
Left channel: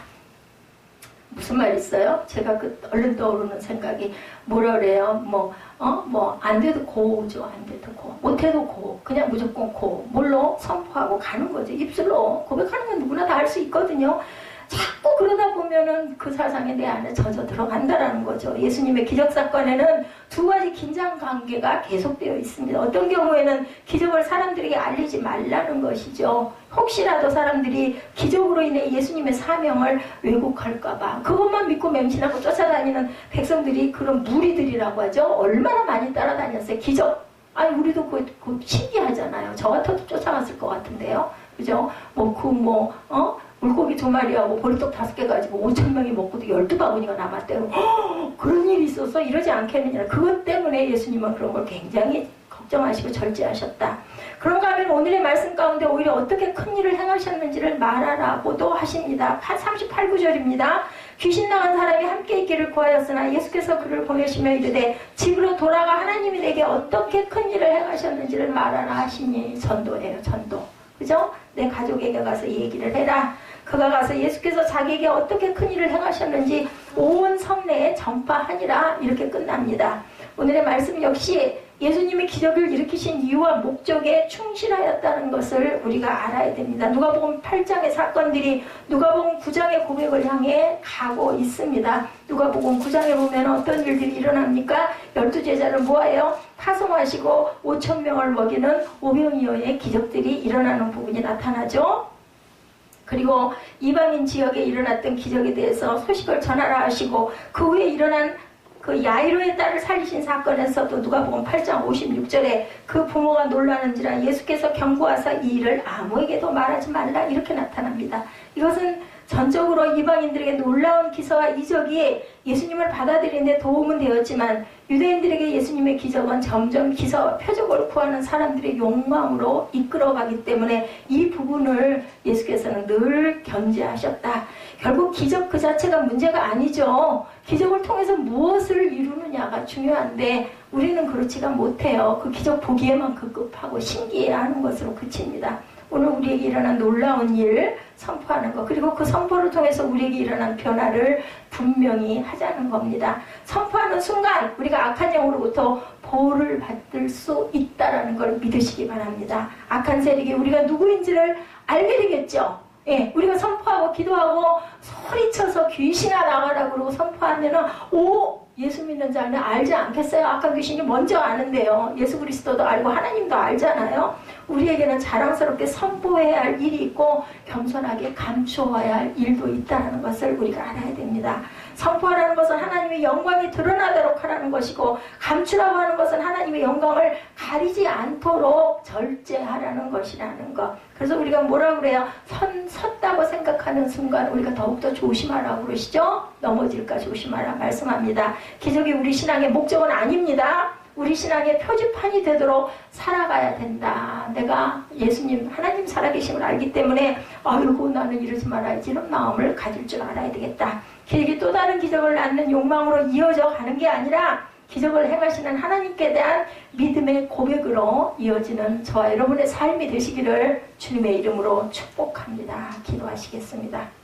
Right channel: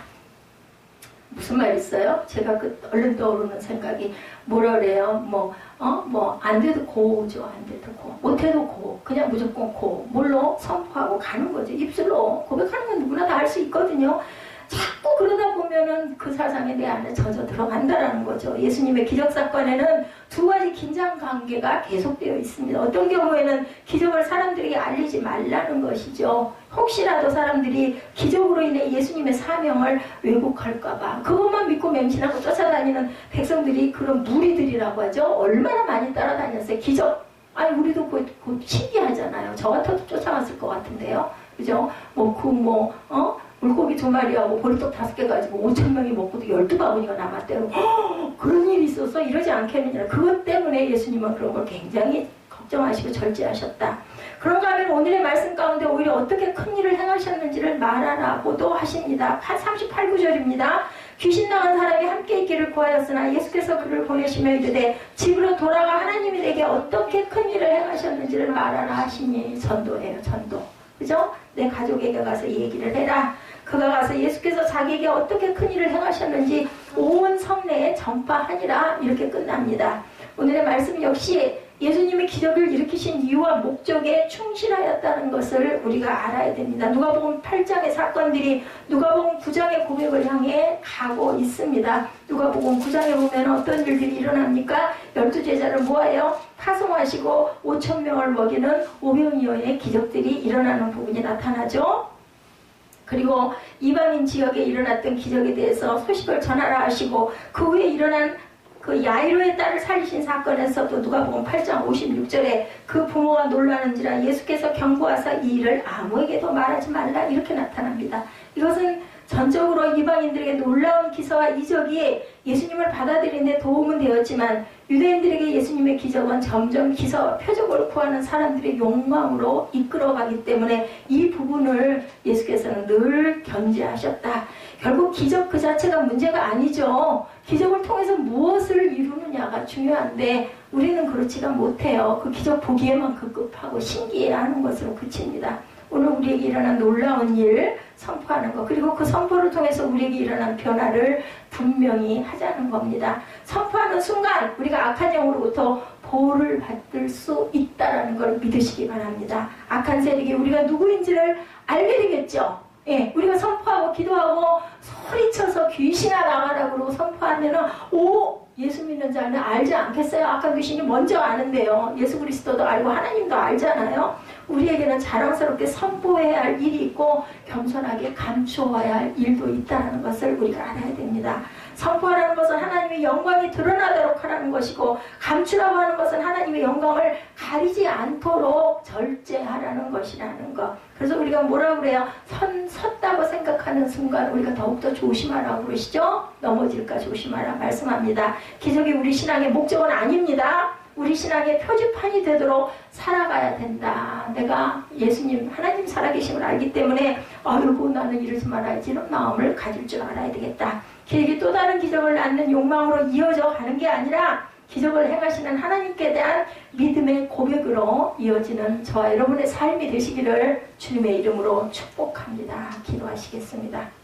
무슨 말 있어요? 제가 얼른 떠오르는 생각이 뭐라 그래요? 안 돼도 고죠. 안 돼도 고. 못해도 고. 그냥 무조건 고. 뭘로? 선포하고 가는 거죠. 입술로. 고백하는 건 누구나 다 할 수 있거든요. 자꾸 그러다 보면은 그 사상에 내 안에 젖어 들어간다라는 거죠. 예수님의 기적사건에는 두 가지 긴장 관계가 계속되어 있습니다. 어떤 경우에는 기적을 사람들에게 알리지 말라는 것이죠. 혹시라도 사람들이 기적으로 인해 예수님의 사명을 왜곡할까봐 그것만 믿고 맹신하고 쫓아다니는 백성들이 그런 무리들이라고 하죠. 얼마나 많이 따라다녔어요. 기적. 아니 우리도 그 신기하잖아요. 저 같아도 쫓아갔을 것 같은데요. 그죠? 물고기 2마리하고 보리떡 5개 가지고 5,000명이 먹고도 12바구니가 남았대요. 그런 일이 있어서 이러지 않겠느냐. 그것 때문에 예수님은 그런 걸 굉장히 걱정하시고 절제하셨다. 그런가 하면 오늘의 말씀 가운데 오히려 어떻게 큰 일을 행하셨는지를 말하라고도 하십니다. 38구절입니다. 귀신 나간 사람이 함께 있기를 구하였으나 예수께서 그를 보내시며 이르되 집으로 돌아가 하나님이 내게 어떻게 큰 일을 행하셨는지를 말하라 하시니 전도예요. 전도. 그죠? 내 가족에게 가서 얘기를 해라. 그가 가서 예수께서 자기에게 어떻게 큰 일을 행하셨는지 온 성내에 전파하니라. 이렇게 끝납니다. 오늘의 말씀 역시 예수님이 기적을 일으키신 이유와 목적에 충실하였다는 것을 우리가 알아야 됩니다. 누가복음 8장의 사건들이 누가복음 9장의 고백을 향해 가고 있습니다. 누가복음 9장에 보면 어떤 일들이 일어납니까? 12제자를 모아요. 파송하시고 5,000명을 먹이는 오병이어의 기적들이 일어나는 부분이 나타나죠. 그리고 이방인 지역에 일어났던 기적에 대해서 소식을 전하라 하시고 그 후에 일어난 그 야이로의 딸을 살리신 사건에서도 누가복음 8장 56절에 그 부모가 놀라는지라 예수께서 경고하사 이 일을 아무에게도 말하지 말라 이렇게 나타납니다. 이것은 전적으로 이방인들에게 놀라운 기사와 이적이 예수님을 받아들이는 데 도움은 되었지만 유대인들에게 예수님의 기적은 점점 기사와 표적을 구하는 사람들의 욕망으로 이끌어가기 때문에 이 부분을 예수께서는 늘 견제하셨다. 결국 기적 그 자체가 문제가 아니죠. 기적을 통해서 무엇을 이루느냐가 중요한데 우리는 그렇지가 못해요. 그 기적 보기에만 급급하고 신기해하는 것으로 그칩니다. 오늘 우리에게 일어난 놀라운 일 선포하는 것, 그리고 그 선포를 통해서 우리에게 일어난 변화를 분명히 하자는 겁니다. 선포하는 순간 우리가 악한 영으로부터 보호를 받을 수 있다는 걸 믿으시기 바랍니다. 악한 세력이 우리가 누구인지를 알게 되겠죠. 예, 우리가 선포하고 기도하고 소리쳐서 귀신아 나가라 그러고 선포하면은 예수 믿는 자는 알지 않겠어요? 아까 귀신이 먼저 아는데요. 예수 그리스도도 알고 하나님도 알잖아요. 우리에게는 자랑스럽게 선포해야 할 일이 있고 겸손하게 감추어야 할 일도 있다는 것을 우리가 알아야 됩니다. 선포하라는 것은 하나님의 영광이 드러나도록 하라는 것이고 감추라고 하는 것은 하나님의 영광을 가리지 않도록 절제하라는 것이라는 것. 그래서 우리가 뭐라고 그래요? 섰다고 생각하는 순간 우리가 더욱더 조심하라고 그러시죠? 넘어질까 조심하라 말씀합니다. 기적이 우리 신앙의 목적은 아닙니다. 우리 신앙의 표지판이 되도록 살아가야 된다. 내가 예수님 하나님 살아계심을 알기 때문에 아이고 나는 이러지 말아야지 이런 마음을 가질 줄 알아야 되겠다. 기적이 또 다른 기적을 낳는 욕망으로 이어져 가는 게 아니라 기적을 행하시는 하나님께 대한 믿음의 고백으로 이어지는 저와 여러분의 삶이 되시기를 주님의 이름으로 축복합니다. 기도하시겠습니다.